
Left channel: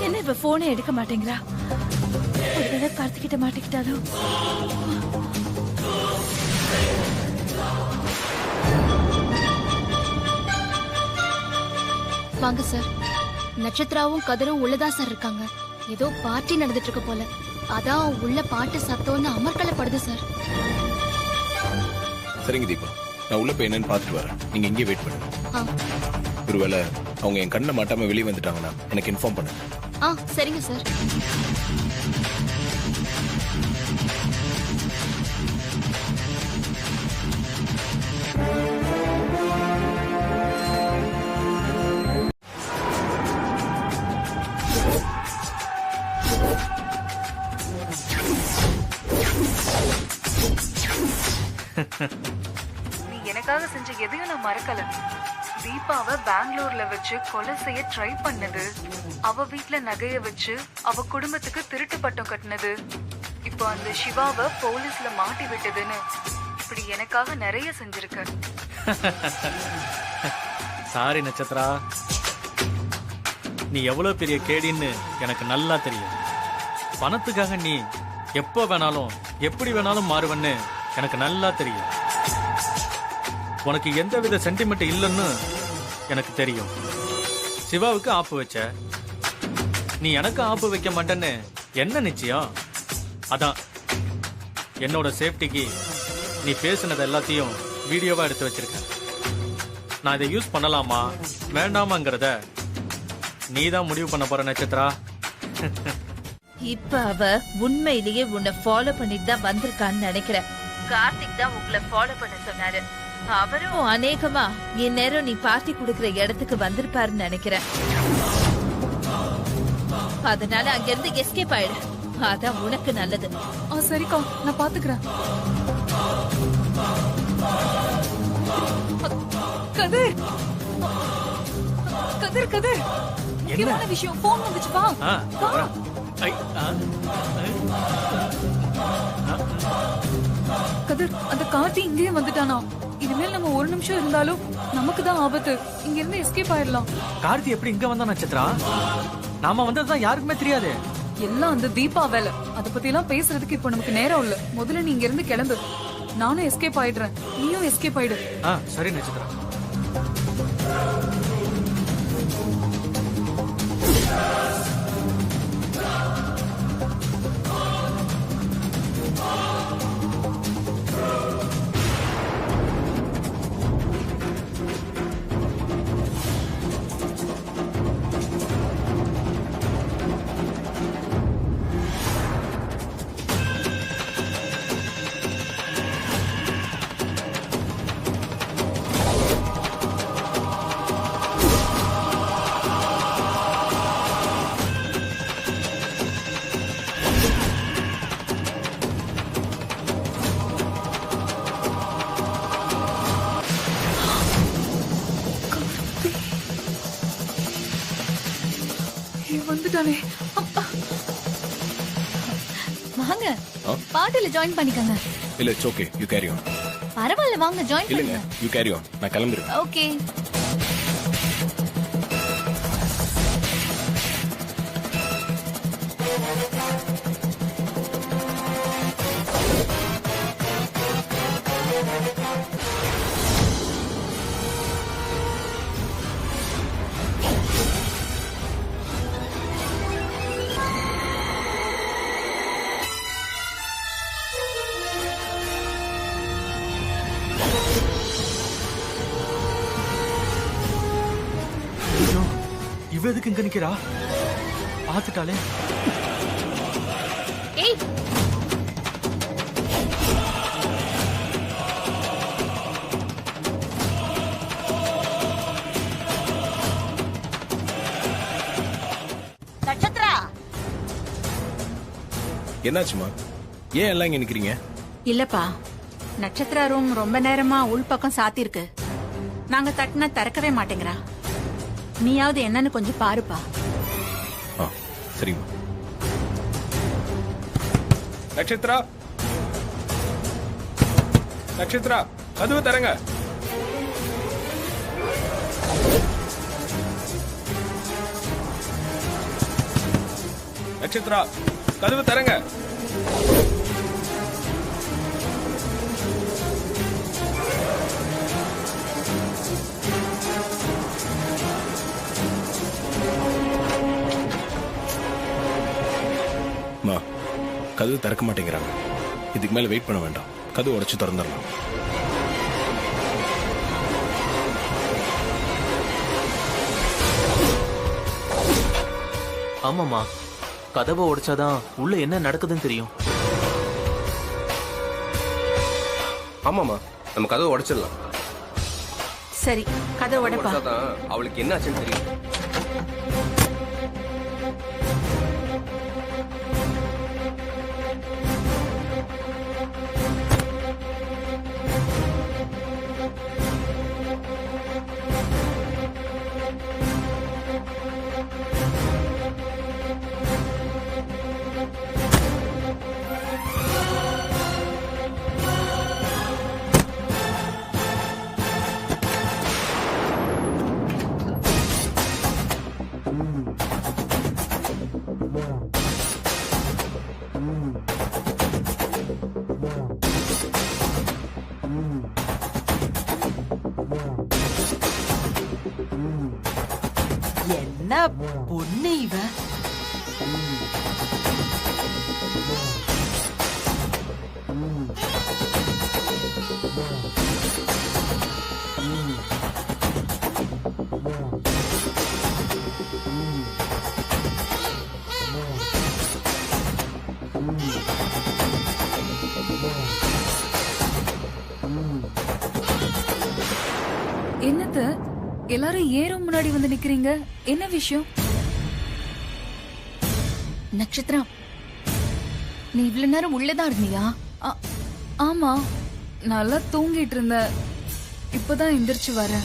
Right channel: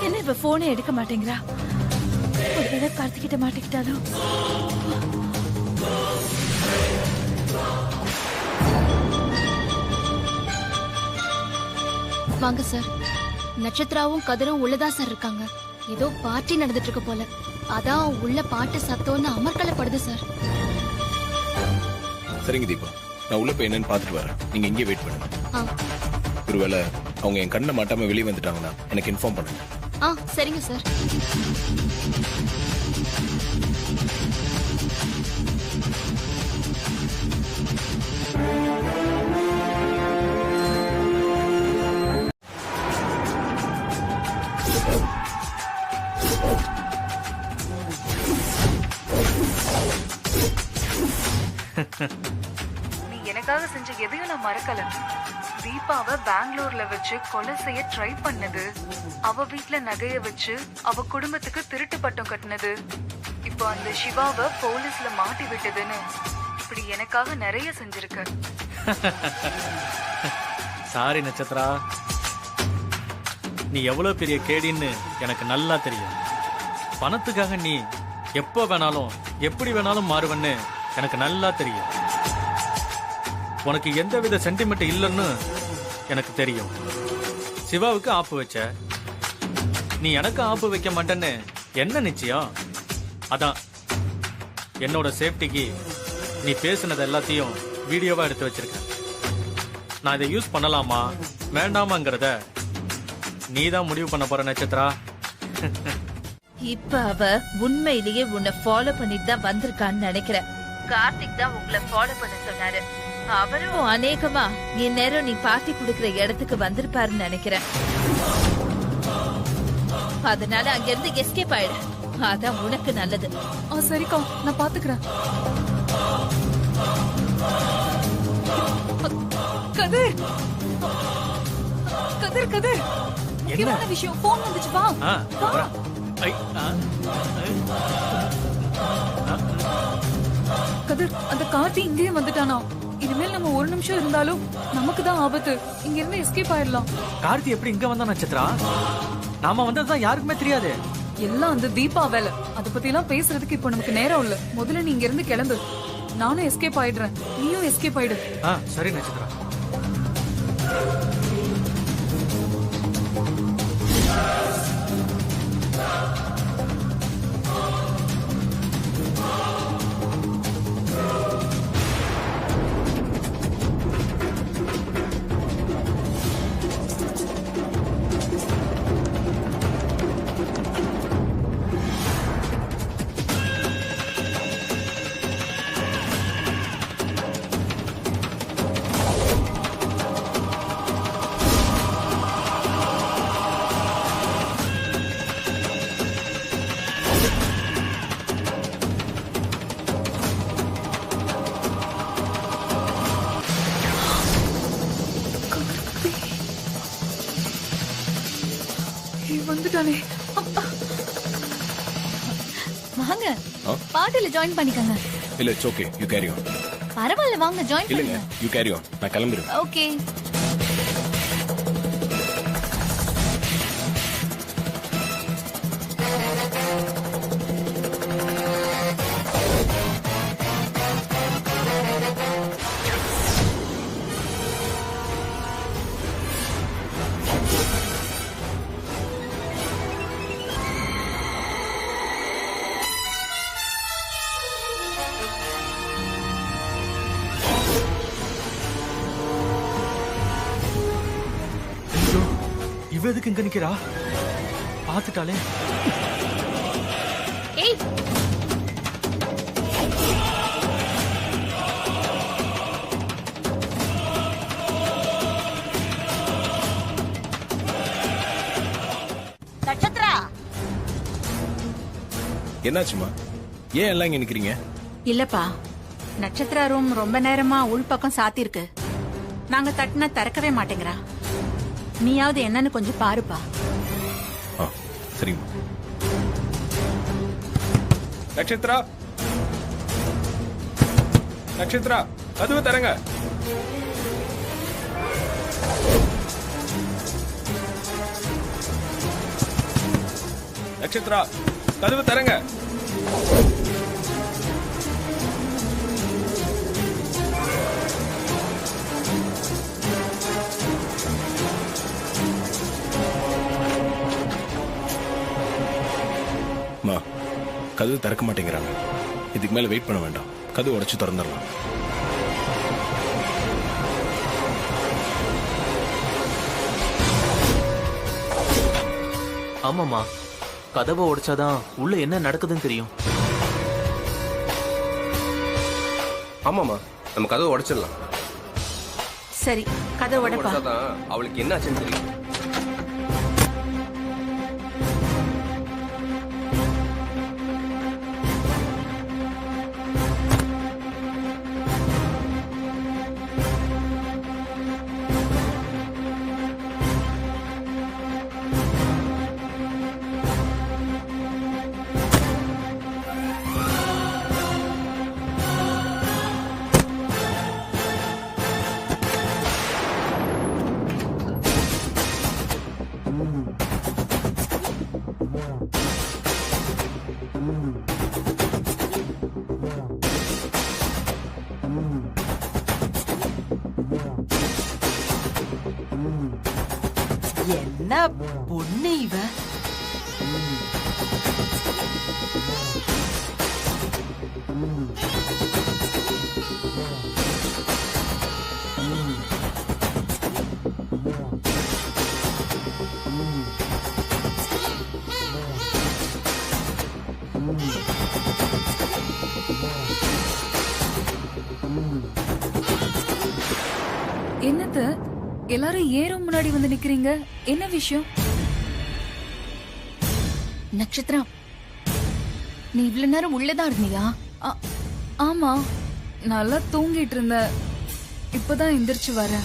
என்ன இப்ப போனே எடுக்க மாட்டேங்கிறா? ஒருவேளை கார்த்திகிட்ட மாட்டிக்கிட்டாலும். வாங்க சார். நட்சத்திராவும் கதிரும் உள்ளதா சார் இருக்காங்க. ஏதோ பார்ட்டி நடந்துட்டு இருக்க போல. அதான் உள்ள பாட்டு சத்தம்னு அமர்க்கலப்படுது சார். சரிங்க தீபா, நான் உள்ள போய் என்னன்னு பாத்துட்டு வரேன். நீங்க இங்கே வெயிட் பண்ணுங்க. ஒருவேளை அவங்க என் கண்ணை மாட்டாம வெளியே வந்துட்டாங்கன்னா எனக்கு இன்ஃபார்ம் பண்ணுங்க. சரிங்க சார். நீ எனக்காக செஞ்ச எதையும் நான் மறக்கல. தீபாவை பெங்களூர்ல வச்சு கொலை செய்ய ட்ரை பண்ணது, அவ வீட்ல நகைய வச்சு அவ குடும்பத்துக்கு திருட்டு பட்டம் கட்டினது, இப்போ அந்த சிவாவை போலீஸ்ல மாட்டி விட்டதுன்னு இப்படி எனக்காக நிறைய செஞ்சிருக்க. சாரி நட்சத்திரா, நீ எவ்வளவு பெரிய கேடின்னு எனக்கு நல்லா தெரியும். பணத்துக்காக நீ எப்போ வேணாலும் எப்படி வேணாலும் மாறுவன்னு எனக்கு நல்லா தெரியும். உனக்கு எந்தவித சென்டிமெண்ட் இல்லைன்னு எனக்கு தெரியும். சிவாவுக்கு ஆப்பு வச்ச. நீ எனக்கு ஆப்பு வைக்க மாட்டேன்னு என்ன நிச்சயம்? அதான் என்னோட சேஃப்டிக்கு நீ பேசுனது எல்லாத்தையும் வீடியோவா எடுத்து வச்சிருக்க. நான் இதை யூஸ் பண்ணலாமா வேண்டாமாங்கிறத நீதான் முடிவு பண்ண போற நட்சத்திரா. இப்ப அவ உண்மையிலேயே உன்னை ஃபாலோ பண்ணிட்டு தான் வந்திருக்கான்னு நினைக்கிறேன். கார்த்திக் தான் உங்களை ஃபாலோ பண்ண சொன்னாரு. அவரும் அநேகமா இந்நேரம் நீ பார்ட்டி குடுக்கிற இடத்துக்கு வந்திருப்பாருன்னு நினைக்கிறேன். அதனால அங்கிருந்து எஸ்கேப் ஆயிடு. அதான் உனக்கு நல்லது. சரிக்கா, நான் பாத்துக்கிறேன். கதிர் கதிர் கதிர், முக்கியமான விஷயம். போன் வந்துச்சு, வா. கதிர், அந்த கார்த்தி இங்கேயே வந்துட்டானா? இனிமேல் நம்ம ஒரு நிமிஷம் இருந்தாலும் நமக்கு தான் ஆபத்து. இங்க இருந்து எஸ்கேப் ஆயிடலாம். கார்த்தி எப்படி இங்க வந்தா நட்சத்திரா? நாம வந்ததுதான் யாருக்குமே தெரியாது. எல்லாம் அந்த தீபா வேலை. அத பத்தி எல்லாம் பேசுறதுக்கு இப்ப நமக்கு நேரம் இல்ல. முதல்ல நீ இங்க இருந்து கிளம்பு. நானும் எஸ்கேப் ஆயிடுறேன், நீயும் எஸ்கேப் ஆயிடு. சரி நட்சத்திரா. வந்துட்டானே. வாங்க, பார்ட்டில ஜாயின் பண்ணிக்கங்க. இல்ல, it's okay, you carry on. பரவாயில்ல, வாங்க ஜாயின் இல்லங்க, பண்ணுங்க. யூ கேரி ஆன், நான் கிளம்பிடுவேன். ஓகே. இவ எதுக்கு இங்க நிக்கிறா? பாத்துட்டாலே. ஏய், நட்சத்திரா, என்னாச்சுமா? ஏன் எல்லாம் இங்க நிக்கிறீங்க? இல்லப்பா, நட்சத்திரா ரூம் ரொம்ப நேரமா உள்பக்கம் சாத்திருக்கு. நாங்க தட்டினா திறக்கவே மாட்டேங்கிறா. நீயாவது என்னன்னு கொஞ்சம் பாருப்பா. சரிம்மா. நட்சத்திரா, நட்சத்திரா, கதவு தரங்க. நட்சத்திரா, கதவு தரங்க. கதவு திறக்க மாட்டேங்கிறாங்க. இதுக்கு மேல வெயிட் பண்ண வேண்டாம், கதவு உடைச்சு திறந்துடலாம். ஆமாமா, கதவை உடைச்சாதான் உள்ள என்ன நடக்குதுன்னு தெரியும். ஆமாமா, நம்ம கதவை உடைச்சிடலாம். சரி, கதவை உடைப்பா. அவளுக்கு என்ன ஆச்சுன்னு தெரியும். என்ன பொண்ணு இவ? என்னத்த எல்லாரும் ஏறும் முன்னாடி வந்து நிக்கிறீங்க? என்ன விஷயம்? நட்சத்திரா, நீ இவ்வளவு நேரம் உள்ளதான் இருந்தியா? ஆமா, நல்லா தூங்கிட்டு இருந்த. இப்பதான் எந்திரிச்சு வர.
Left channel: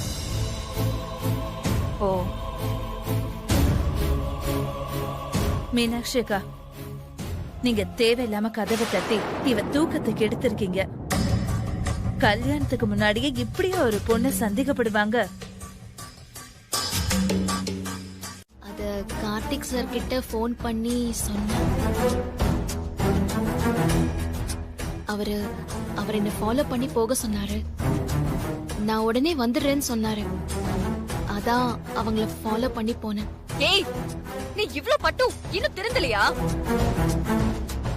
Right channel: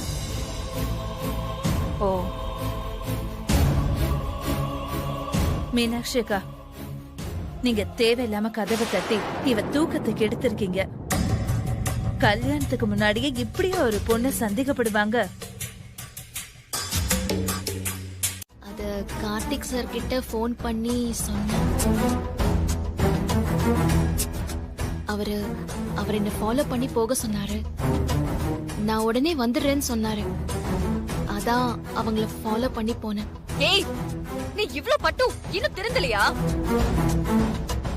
ஓ, மீனாட்சி அக்கா, நீங்க தேவையில்லாம கதவை தட்டி இவ தூக்கத்துக்கு எடுத்திருக்கீங்க. கல்யாணத்துக்கு முன்னாடியே இப்படியே ஒரு பொண்ணு சந்தேகப்படுவாங்க? அத கார்த்திக் சார் கிட்ட போன் பண்ணி சொன்னேன். அவர் என்ன ஃபாலோ பண்ணி போக சொன்னாரு. நான் உடனே வந்துடுறேன்னு சொன்னாரு. அதான் அவங்கள ஃபாலோ பண்ணி போனேன். ஏய், நீ இவ்ளோ பட்டும் இன்னும் திருந்தலையா?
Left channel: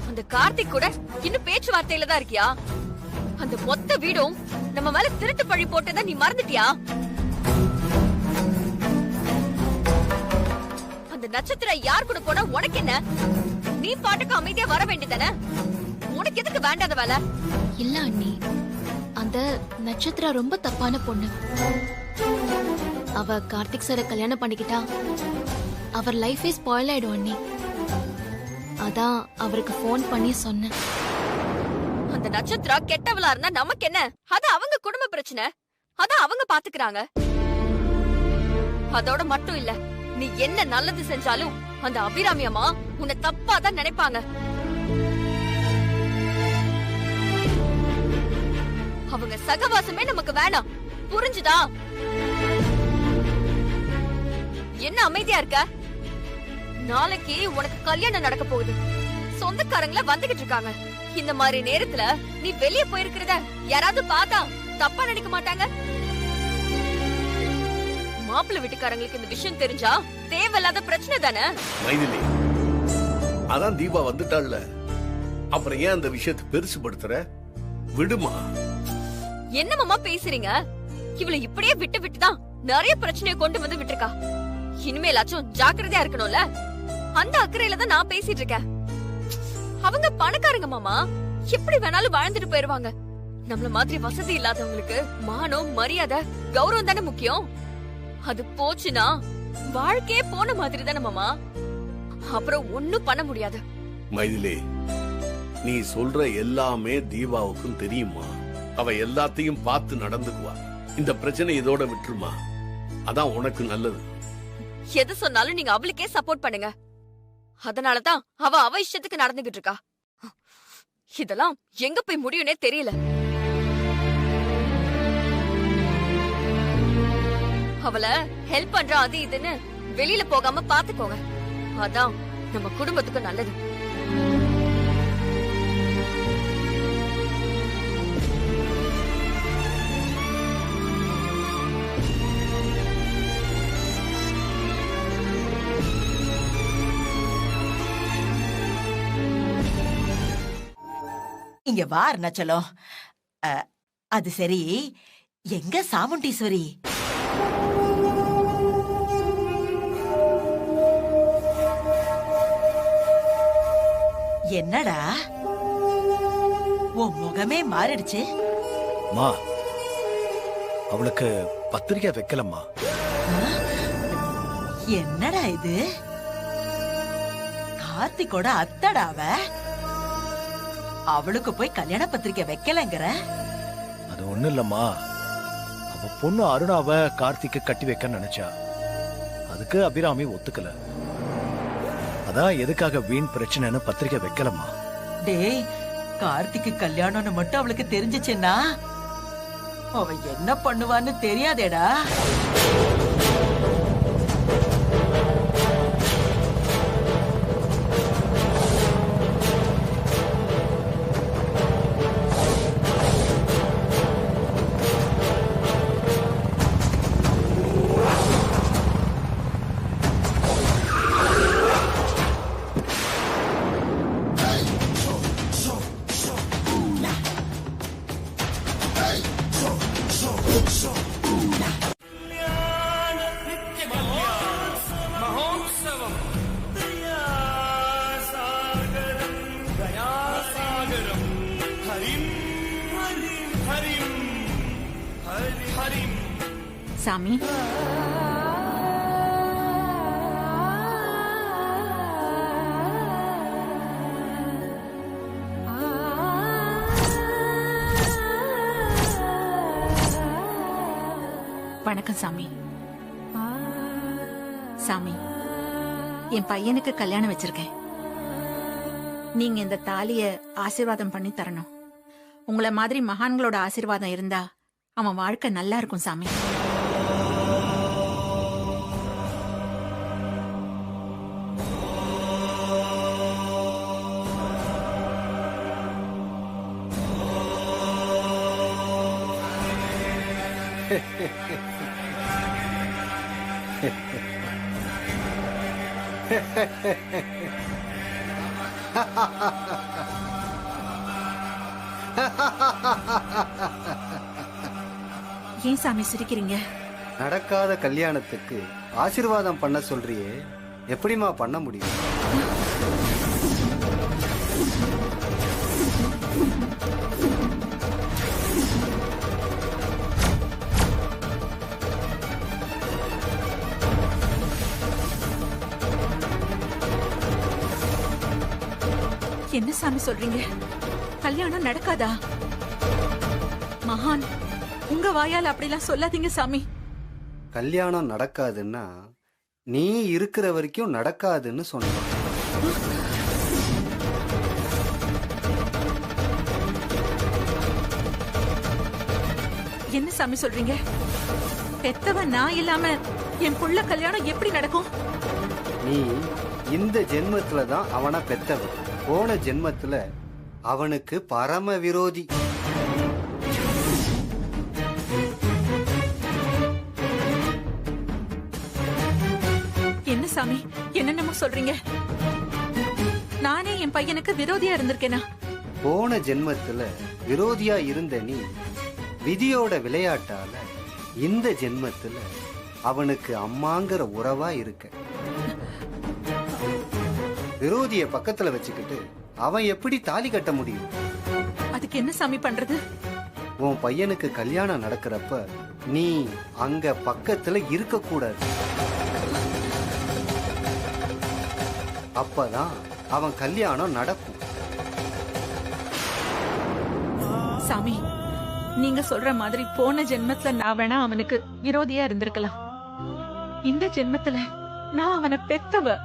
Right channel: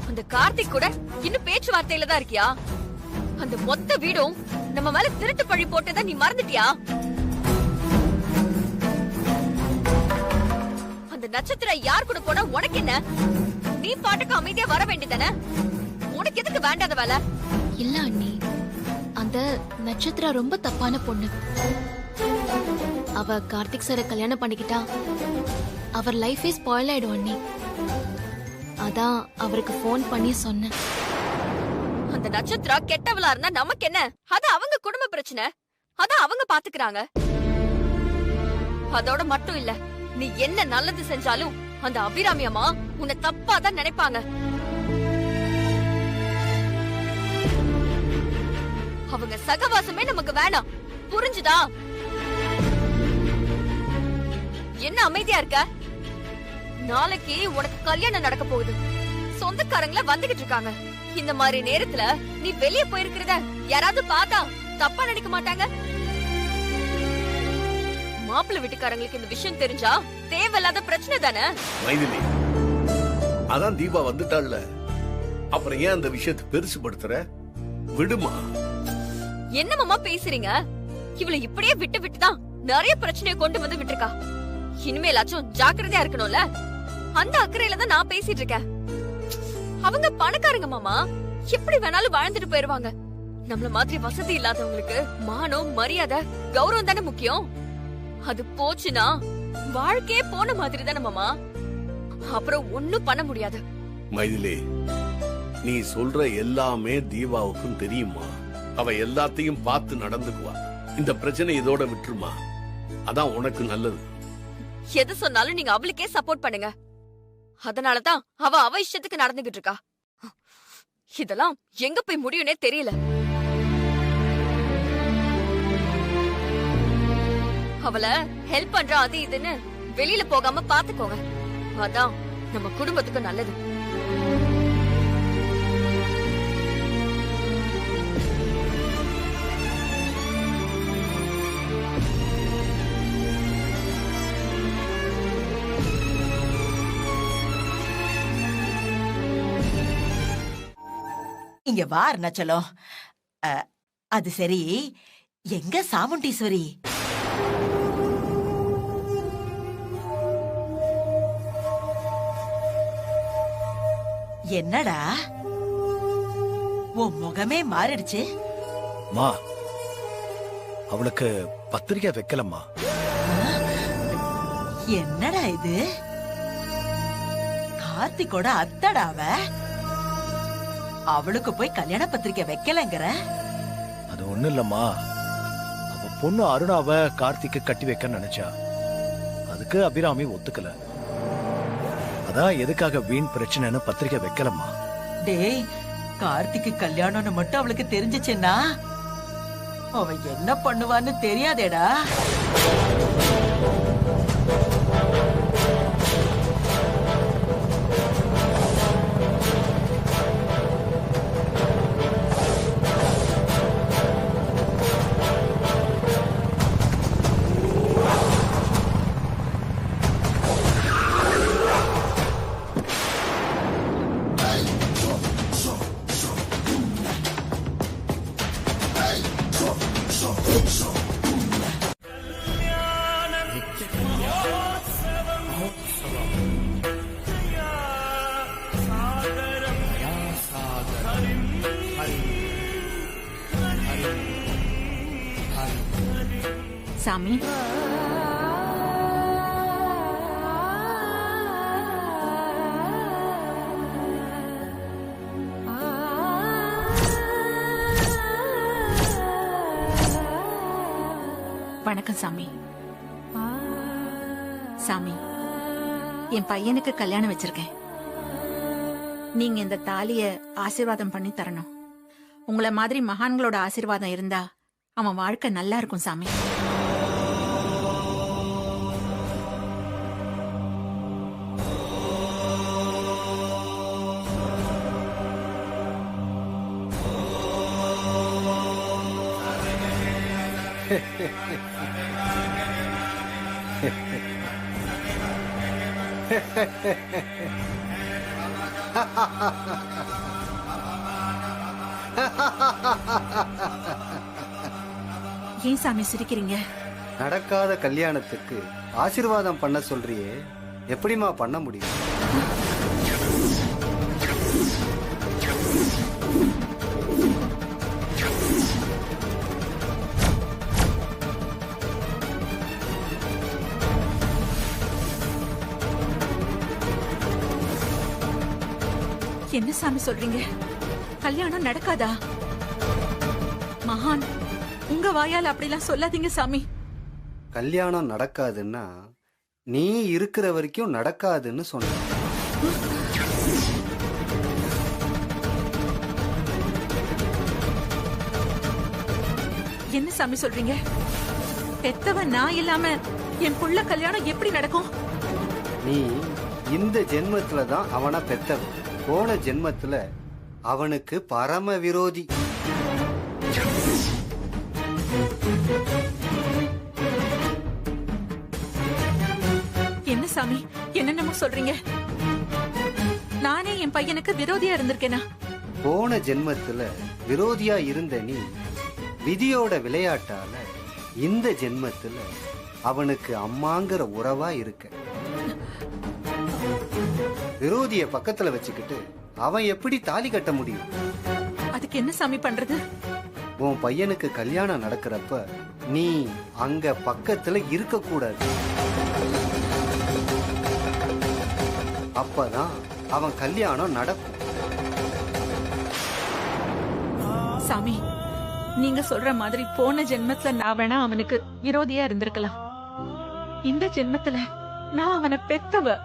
அந்த கார்த்திக் கூட இன்னும் பேச்சுவார்த்தையில தான் இருக்கியா? அந்த மொத்த வீடும் நம்ம மேல திருட்டு பழி போட்டதை நீ மறந்துட்டியா? அந்த நட்சத்திரம் யார் கூட போனா உனக்கு என்ன? நீ பாட்டுக்கு அமைதியா வர வேண்டியதானே? உனக்கு எதுக்கு வேண்டாத வேலை? இல்ல அண்ணி, அந்த நட்சத்திரம் ரொம்ப தப்பான பொண்ணு. அவ கார்த்திக் சார கல்யாணம் பண்ணிக்கிட்டா அவர் லைஃபே ஸ்பாயில் ஆயிடும் அண்ணி. அதான் அவருக்கு போன் பண்ணி சொன்னேன். அந்த நட்சத்திரம் கெட்டவளா இருந்தா நமக்கு என்ன? அது அவங்க குடும்ப பிரச்சனை. அத அவங்க பாத்துக்கிறாங்க. அதோட மட்டும் இல்ல, நீ என்ன நல்லது செஞ்சாலும் அந்த அபிராமி அம்மா உன்னை தப்பா தான் நினைப்பாங்க. அவங்க சகவாசமே நமக்கு வேணாம், புரிஞ்சுதா? என்ன அமைதியா இருக்க? நாளைக்கு உனக்கு கல்யாணம் நடக்க போகுது. சொந்தக்காரங்கள வந்துகிட்டு இருக்காங்க. இந்த மாதிரி நேரத்துல நீ வெளிய போயிருக்கிறத யாராவது பார்த்தா தப்பா நினைக்க மாட்டாங்க? மாப்பிள்ளை வீட்டுக்காரங்களுக்கு இந்த விஷயம் தெரிஞ்சா தேவையில்லாத பிரச்சனை தானே? மைதிலி, அதான் தீபா வந்துட்டாள்ல, அப்புறம் ஏன் அந்த விஷயத்தை பெருசுபடுத்துற? விடுமா. என்னமாமா பேசுறீங்க? இவளை இப்படியே விட்டு விட்டுதான் நிறைய பிரச்சனையை கொண்டு வந்து விட்டுருக்கா. இனிமேலாச்சும் ஜாக்கிரதையா இருக்கணும்ல. அந்த அக்கறையில தான் நான் பேசிட்டு இருக்கேன். அவங்க பணக்காரங்க மாமா, எப்படி வேணாலும் வாழ்ந்துட்டு போயிருவாங்க. நம்மள மாதிரி வசதி இல்லாதவங்களுக்கு மானம், மரியாதை, கௌரவம் தானே முக்கியம். அது போச்சுன்னா வாழ்க்கையே போன மாதிரி தானே மாமா. அப்புறம் ஒண்ணும் பண்ண முடியாது. மைதிலி, நீ சொல்ற எல்லாமே தீபாவுக்கும் தெரியுமா? அவ எல்லாத்தையும் பார்த்து நடந்துக்குவா. இந்த பிரச்சனை இதோட விட்டுருமா, அதான் உனக்கு நல்லது. எது சொன்னாலும் நீங்க அவளுக்கே சப்போர்ட் பண்ணுங்க. அதனாலதான் அவ இஷ்டத்துக்கு நடந்துகிட்டு இருக்கா. இதெல்லாம் எங்க போய் முடியும்னே தெரியல. அவளை ஹெல்ப் பண்ற அது இதுன்னு வெளியில போகாம பாத்துக்கோங்க. அதான் நம்ம குடும்பத்துக்கு நல்லது. இங்க வா அருணாச்சலம். அது சரி, எங்க சாமுண்டீஸ்வரி? என்னடா உன் முகமே மாறிடுச்சு? மா, அவளுக்கு பத்திரிக்கை வைக்கலம்மா. என்னடா இது? கார்த்திகோட அத்தடாவ அவளுக்கு போய் கல்யாண பத்திரிக்கை வைக்கலங்கிற? அது ஒண்ணு இல்லம்மா, அவ பொண்ணு அருணாவ கார்த்திக்கு கட்டி வைக்க நினைச்சா. அதுக்கு அபிராமி ஒத்துக்கல. அதான் எதுக்காக வீண் பிரச்சனைன்னு பத்திரிக்கை வைக்கலம்மா. டேய், கார்த்திக்கு கல்யாணம்னு மட்டும் அவளுக்கு தெரிஞ்சிச்சுன்னா அவ என்ன பண்ணுவான்னு தெரியாதேடா. சாமி வணக்கம் சாமி. சாமி, என் பையனுக்கு கல்யாணம் வச்சிருக்கேன். நீங்க இந்த தாலிய ஆசீர்வாதம் பண்ணி தரணும். உங்களை மாதிரி மகான்களோட ஆசீர்வாதம் இருந்தா அவன் வாழ்க்கை நல்லா இருக்கும் சாமி. ஏன் சாமி சிரிக்கிறீங்க? நடக்காத கல்யாணத்துக்கு ஆசீர்வாதம் பண்ண சொல்றியே, எப்படிமா பண்ண முடியும்? என்ன சாமி சொல்றீங்க? கல்யாணம் நடக்காதா? மகான், உங்க வாயால் அப்படிலாம் சொல்லாதீங்க சாமி. கல்யாணம் நடக்காதுன்னா நீ இருக்கிற வரைக்கும் நடக்காதுன்னு சொன்ன. என்ன சாமி சொல்றீங்க? பெத்தவன் நான் இல்லாம என் புள்ள கல்யாணம் எப்படி நடக்கும்? நீ இந்த ஜென்மத்துல தான் அவனை பெத்தவன். போன ஜென்மத்துல அவனுக்கு பரம விரோதி. என்ன சாமி என்னென்னமோ சொல்றீங்க? நானே என் பையனுக்கு விரோதியா இருந்திருக்கேனா? போன ஜென்மத்துல விரோதியா இருந்த நீ விதியோட விளையாட்டால இந்த ஜென்மத்துல அவனுக்கு அம்மாங்கிற உறவா இருக்க. விரோதிய பக்கத்துல வச்சுக்கிட்டு அவன் எப்படி தாலி கட்ட முடியும்? அதுக்கு என்ன சாமி பண்றது? உன் பையனுக்கு கல்யாணம் நடக்கிறப்ப நீ அங்க பக்கத்துல இருக்க கூடாது. அப்பதான் அவன் கல்யாணம் நடக்கும். சாமி, நீங்க சொல்ற மாதிரி போன ஜென்மத்துல நான் வேணா அவனுக்கு விரோதியா இருந்திருக்கலாம். இந்த ஜென்மத்துல நான் அவனை பெத்தவ.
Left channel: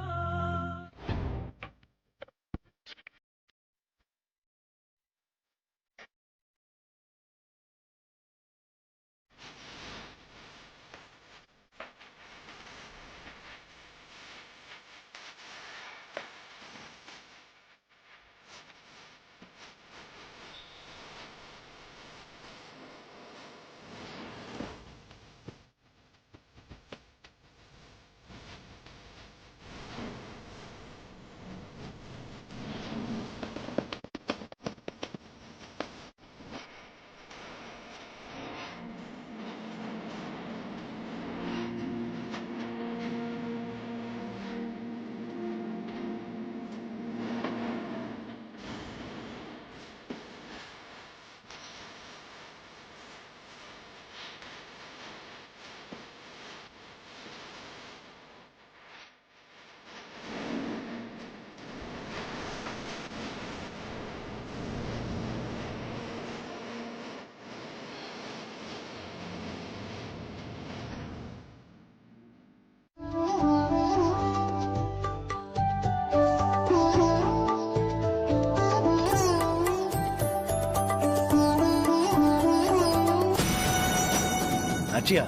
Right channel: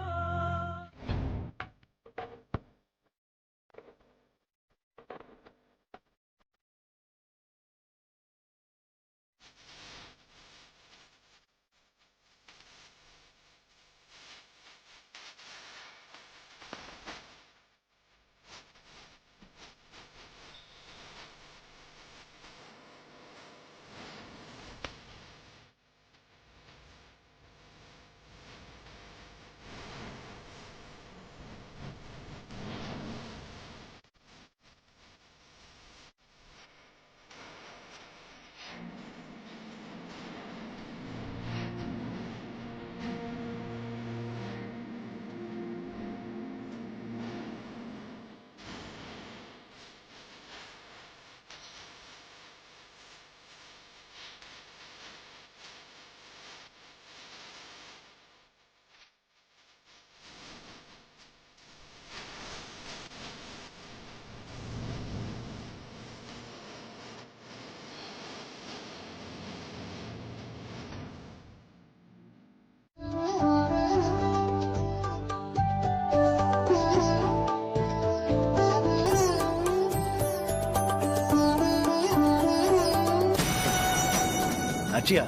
நாச்சியா,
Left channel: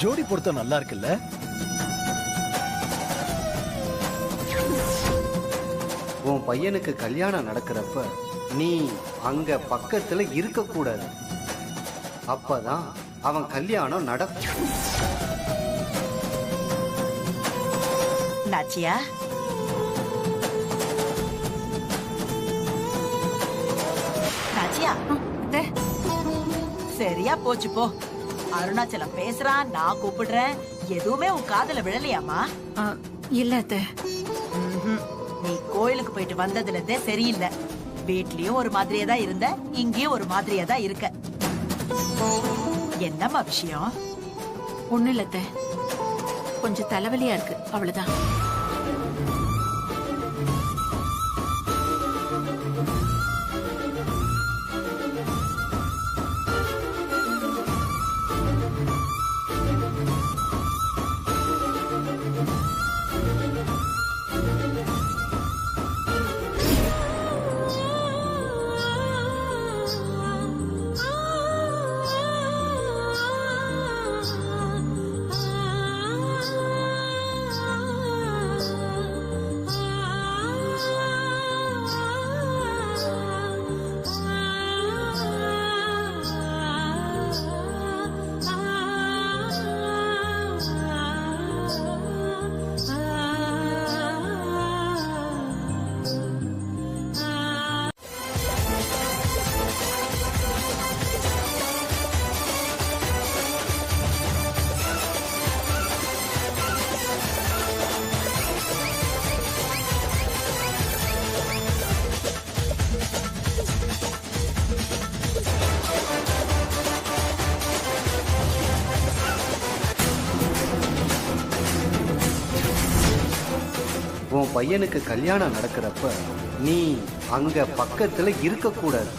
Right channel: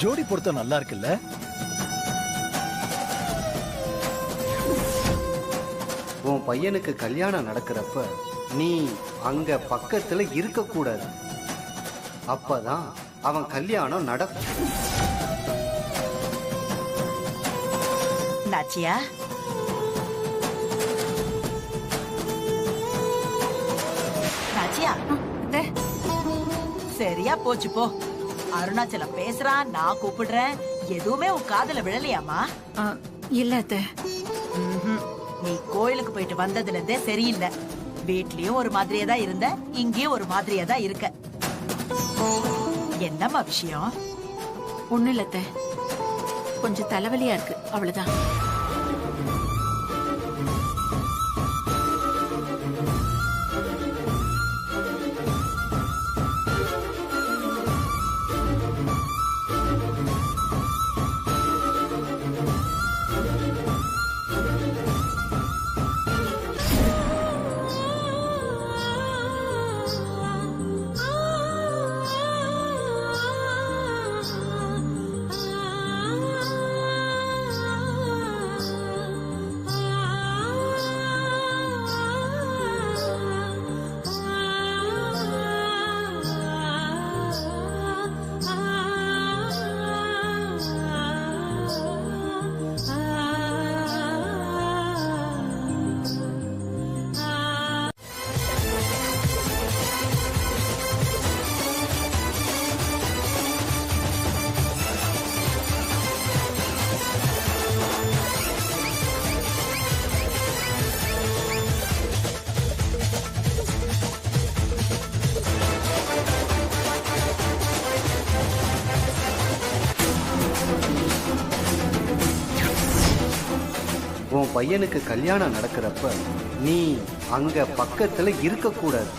ஜோடி பொருத்தம் நல்லா இருக்குல்ல? உன் பையனுக்கு கல்யாணம் நடக்கிறப்ப நீ அங்க பக்கத்துல இருக்க கூடாது. அப்பதான் அவன் கல்யாணம் நடக்கும். நாச்சியா, நாச்சியா, சரியா போச்சு போ. அருணாச்சலம் பேசுறான், நான் கூப்பிடுறேன், எதுவுமே உன் காதுல விழலையாமா? இல்ல அத்தை. நீ கோயிலுக்கு போயிட்டு வந்ததுல இருந்தே சரியில்லை. வீட்லயும் ஒரு மாதிரியே தான் இருந்த, இங்கேயும் ஒரு மாதிரியே தான் இருக்க. என்னம்மா விஷயம்? ஒண்ணு இல்ல அத்தை. கொஞ்சம் தலைவலியா இருக்கு, அவ்வளவுதான். உன் பையனுக்கு கல்யாணம் நடக்கிறப்ப நீ அங்க பக்கத்துல இருக்க கூடாது.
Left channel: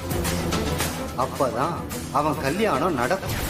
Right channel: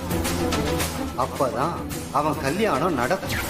அப்பதான் அவன் கல்யாணம் நடக்கும்.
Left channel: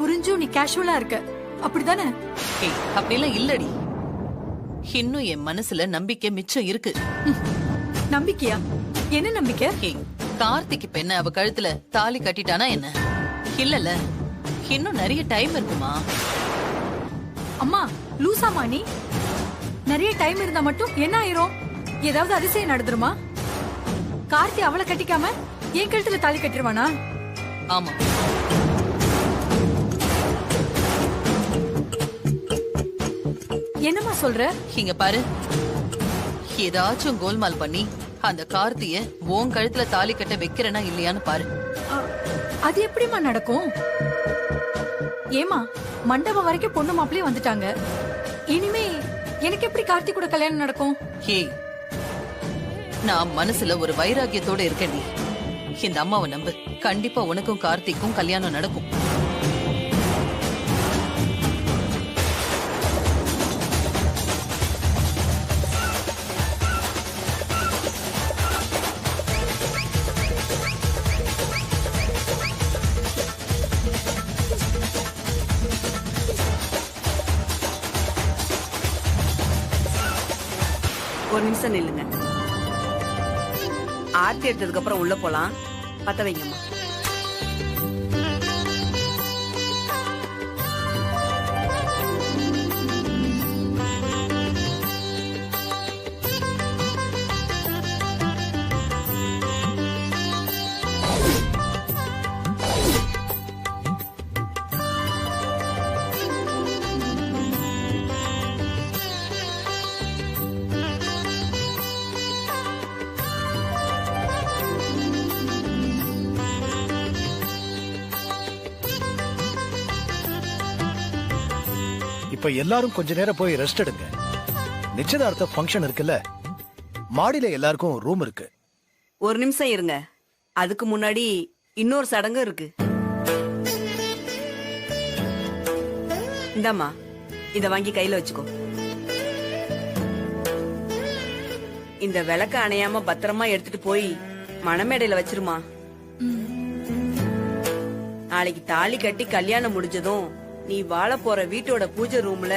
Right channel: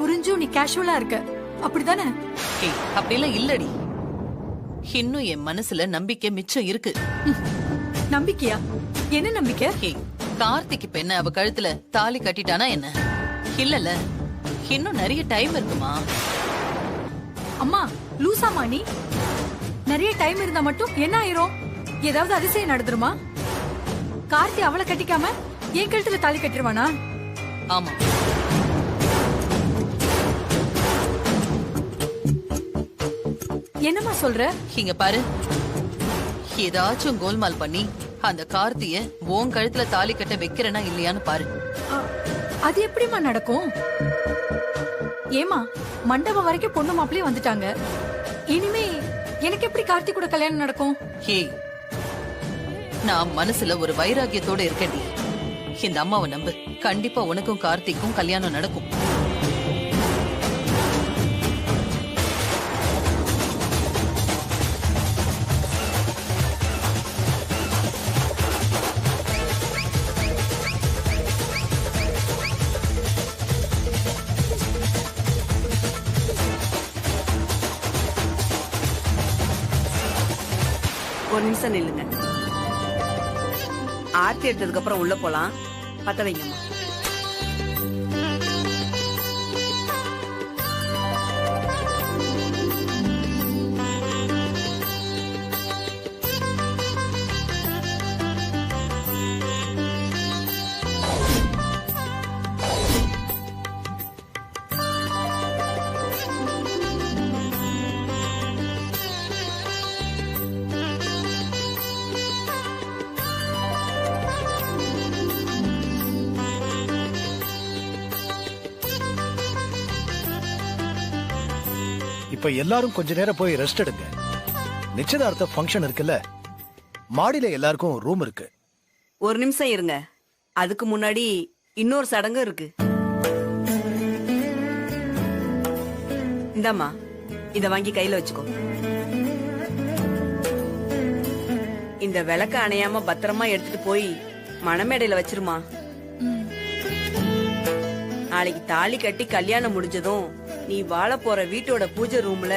புரிஞ்சும் நீ கேஷுவலா இருக்க, அப்படிதானே? அப்படிலாம் இல்லடி. இன்னும் என் மனசுல நம்பிக்கை மிச்சம் இருக்கு. நம்பிக்கையா? என்ன நம்பிக்கை? கார்த்திக் இப்ப என்ன அவ கழுத்துல தாலி கட்டிட்டானா என்ன? இல்லல, இன்னும் நிறைய டைம் இருக்குமா? அம்மா லூசாமா நீ? நிறைய டைம் இருந்தா மட்டும் என்ன ஆயிரும்? ஏதாவது அதிசயம் நடந்துருமா? கார்த்தி அவளை கட்டிக்காம என் கழுத்துல தாலி கட்டிருவானா? ஆமா. என்னம்மா சொல்ற? இங்க பாரு, ஏதாச்சும் கோல்மால் பண்ணி அந்த கார்த்திய உன் கழுத்துல தாலி கட்ட வைக்கிறனா இல்லையான்னு பாரு. அது எப்படிமா நடக்கும்? ஏமா, மண்டபம் வரைக்கும் பொண்ணு மாப்பிளையும் வந்துட்டாங்க. இனிமே எனக்கு எப்படி கார்த்திக் கூட கல்யாணம் நடக்கும்? ஏய், நான் மனசுல ஒரு வைராகியத்தோட இருக்கேன்டி. இந்த அம்மாவை நம்பு, கண்டிப்பா உனக்கும் கார்த்திக்கும் கல்யாணம் நடக்கும். ஒரு நிமிஷம் நில்லுங்க. ஆர்த்தி எடுத்ததுக்கு அப்புறம் உள்ள போலாம். பத்த வைங்கம்மா. இப்ப எல்லாரும் கொஞ்ச நேரம் போய் ரெஸ்ட் எடுங்க. நிச்சயதார்த்த ஃபங்க்ஷன் இருக்குல்ல, மாடியில எல்லாருக்கும் ரூம் இருக்கு. ஒரு நிமிஷம் இருங்க. அதுக்கு முன்னாடி இன்னொரு சடங்கு இருக்கு. இந்தாம்மா, இத வாங்கி கையில வச்சுக்கோ. இந்த விளக்க அணையாம பத்திரமா எடுத்துட்டு போய் மணமேடையில வச்சிருமா. நாளைக்கு தாலி கட்டி கல்யாணம் முடிஞ்சதும் நீ வாழ போற வீட்டோட பூஜை ரூம்ல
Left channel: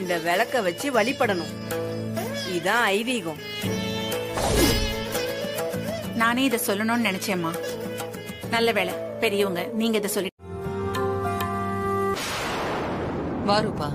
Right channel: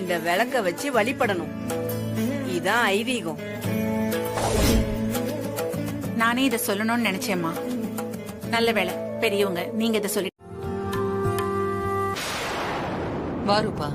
இந்த விளக்க வச்சு வழிபடணும். இதான் ஐதீகம். நானே இத சொல்லணும்னு நினைச்சேம்மா. நல்ல வேளை பெரியவங்க நீங்க இத சொல்லி. வாருப்பா.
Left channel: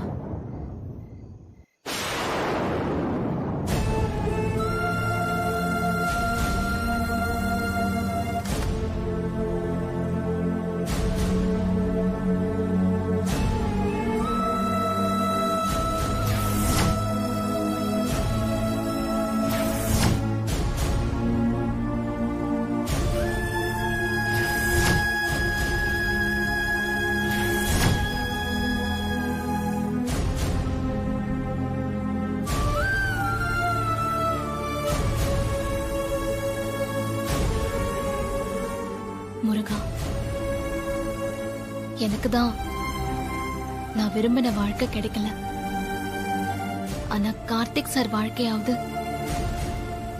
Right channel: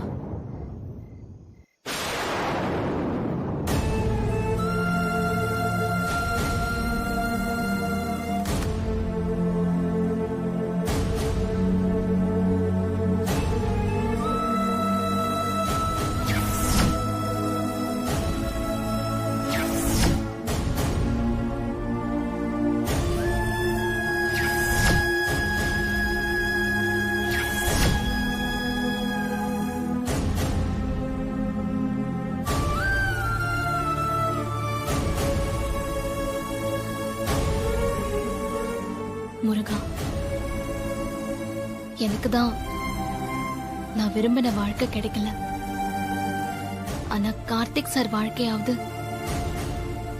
முருகா, எனக்கு தான் நான் விரும்பின வாழ்க்கை கிடைக்கல. ஆனா கார்த்திக் சார் வாழ்க்கையாவது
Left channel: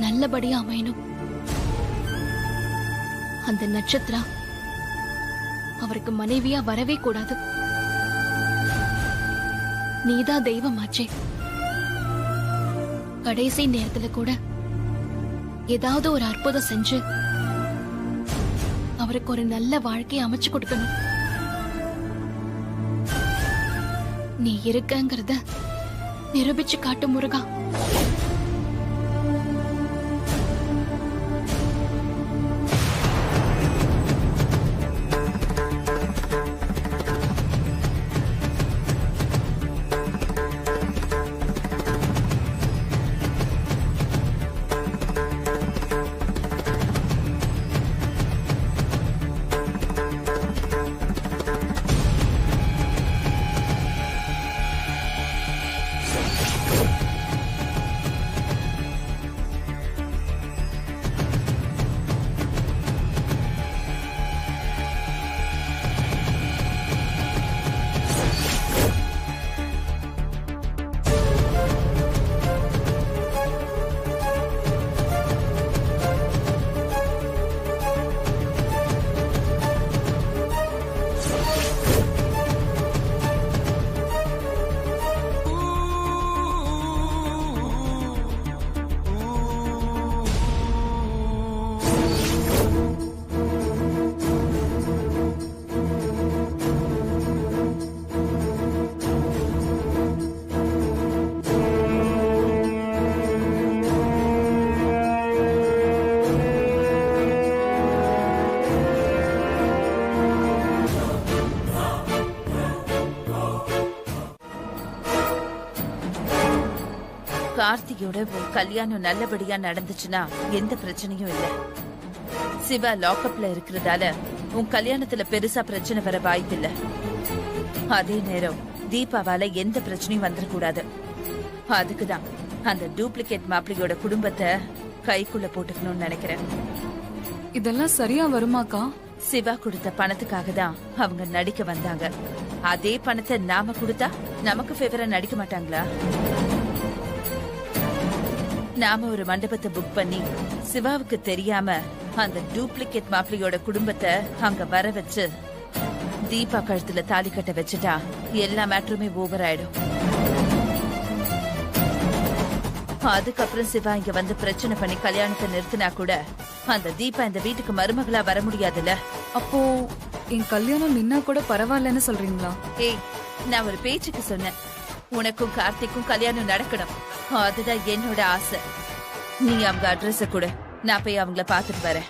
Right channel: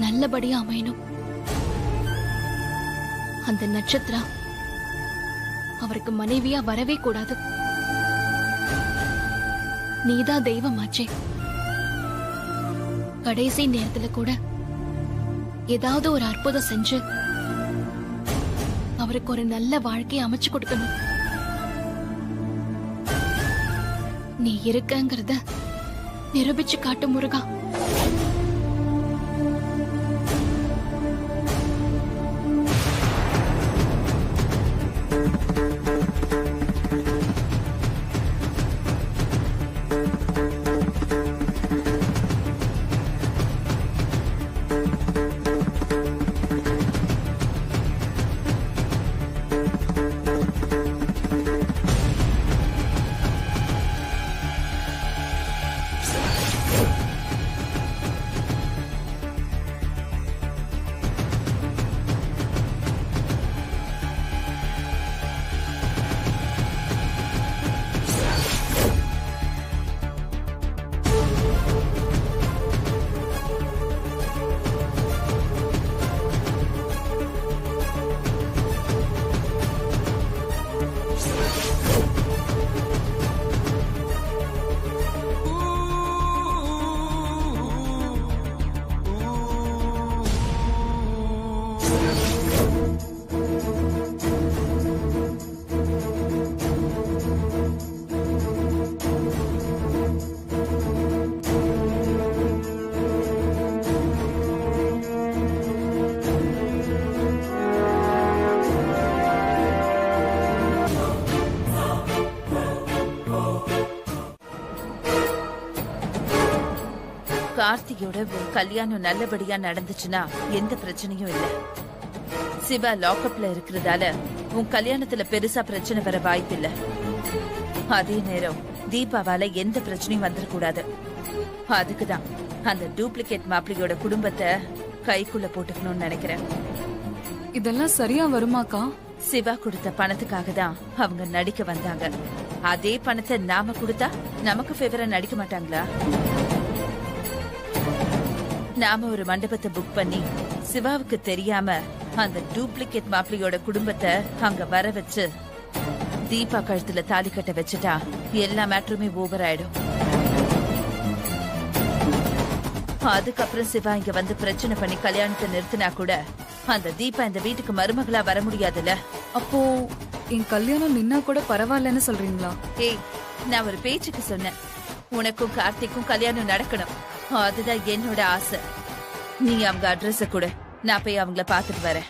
நல்லபடியா அமையணும். அந்த நட்சத்திரா அவருக்கு மனைவியா வரவே கூடாது. நீதான் தெய்வமாச்சே. கடைசி நேரத்துல கூட ஏதாவது ஒரு அற்புதம் செஞ்சு அவருக்கு ஒரு நல்ல வாழ்க்கையை அமைச்சு கொடுக்கணும். நீ இருக்கங்கிறத நிரூபிச்சு காட்டு முருகா. கார்த்திகோட உன் கல்யாணம் நல்லபடியா நடந்துச்சுன்னா எந்த பிரச்சனையும் இல்ல. சிவா லாக்அப்ல இருக்கிறதால உன் கல்யாணத்துல பெருசா பிரச்சனை வர வாய்ப்பில்ல. அதே நேரம் தீபாவால எந்த பிரச்சனையும் வந்துடக்கூடாது. அதுக்குதான் அந்த டூப்ளிகேட் மாப்பிள்ளையோட குடும்பத்தை கைக்குள்ள போட்டுக்கணும்னு நினைக்கிறேன். இதெல்லாம் சரியா வருமாக்கா? சிவா கொடுத்த பணத்துக்காக தான் அவங்க நடிக்க வந்தாங்க. அதே பணத்தை நாம கொடுத்தா நமக்கு ஃபேவரா நடிக்க மாட்டாங்களா? நாம ஒரு மண்டபத்தை புக் பண்ணி சிவாவுக்கு தெரியாம அந்த டூப்ளிகேட் மாப்பிள்ளையோட குடும்பத்தை அங்க வர வச்சு தீபா கழுத்துல தாலி கட்ட வச்சுட்டா எல்லா மேட்டருமே ஓவர் ஆயிடும். அதுக்கப்புறம் சிவா இங்க வந்து பிரச்சனை பண்ணி கல்யாணத்தை நிறுத்தினா கூட அந்த தீபா இந்த வீட்டுக்கு மருமகளா வர முடியாதுல்ல. அப்போ என் கல்யாணம் நின்னா கூட பரவாயில்லன்னு சொல்றீங்களா? ஏய், நான் ஒரு பேச்சுக்கு சொன்னேன். உனக்கும் கார்த்திக்கும் கல்யாணம் நடக்கணும், அதுதான் என்னோட ஆசை. நீ அவங்க அட்ரஸ கொடு, நான் போய் அவங்கள பாத்துட்டு வரேன்.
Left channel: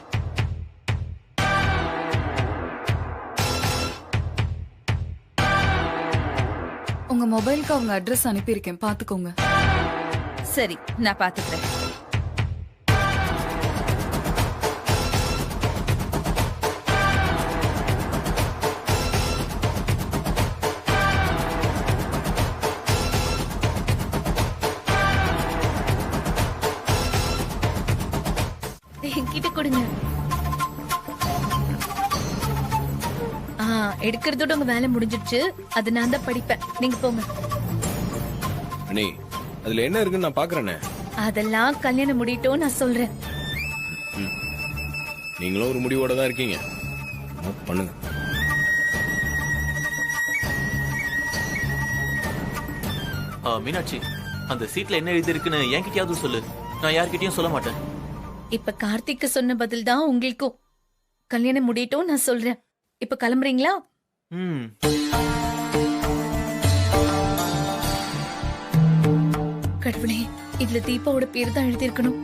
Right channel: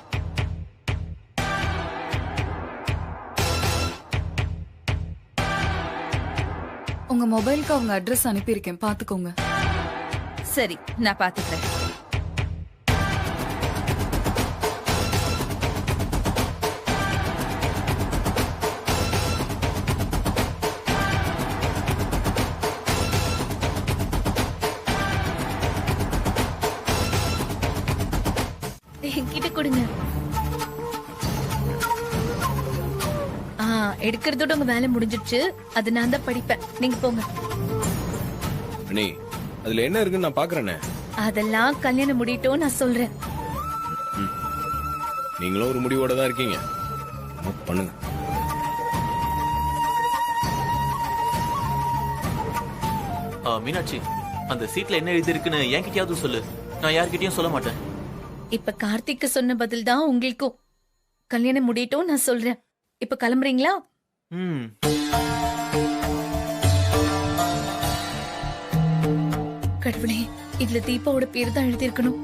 உங்க மொபைலுக்கு அவங்க அட்ரஸ் அனுப்பியிருக்கேன், பாத்துக்கோங்க. சரி, நான் பாத்துக்கிறேன். என்கிட்ட கொடுங்க. எடுக்கிறதோட உங்க வேலை முடிஞ்சிடுச்சு. அது நான் தான் படிப்பேன், நீங்க போங்க. அண்ணி, அதுல என்ன இருக்குன்னு நான் பாக்குறேனே. அதெல்லாம் கல்யாணம் முடியட்டும், நான் சொல்றேன். நீங்களும் ஒரு முடிவோட தான் இருக்கீங்க, பண்ணுங்க. மீனாட்சி, அந்த சீட்ல என்ன எழுதி இருக்குன்னு என்கிட்டயாவது சொல்லு, நான் யார்கிட்டயும் சொல்ல மாட்டேன். இப்ப கார்த்திக்கு சொன்ன பதில் தான் உங்களுக்கும். கல்யாணம் முடியட்டும், நான் சொல்றேன். இப்ப கிளம்புறீங்களா? கடவுளே, இதுல தீபாவோட பேர் தான் எழுதியிருக்கணும்.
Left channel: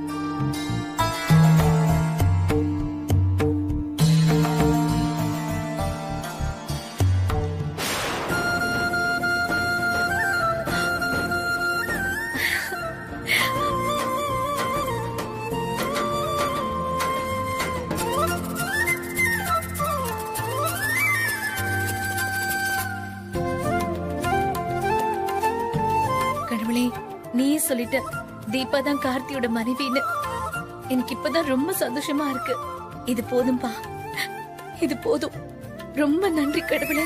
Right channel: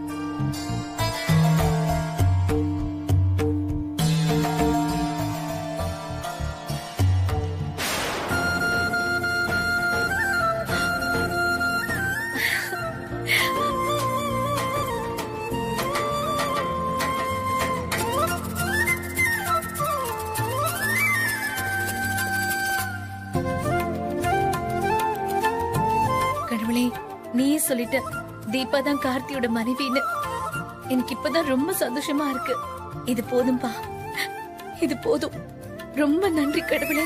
கடவுளே, நீயே சொல்லிட்ட தீபா தான் கார்த்தியோட மனைவின்னு. எனக்கு இப்பதான் ரொம்ப சந்தோஷமா இருக்கு. இது போதும்பா, இது போதும். ரொம்ப நன்றி கடவுளே.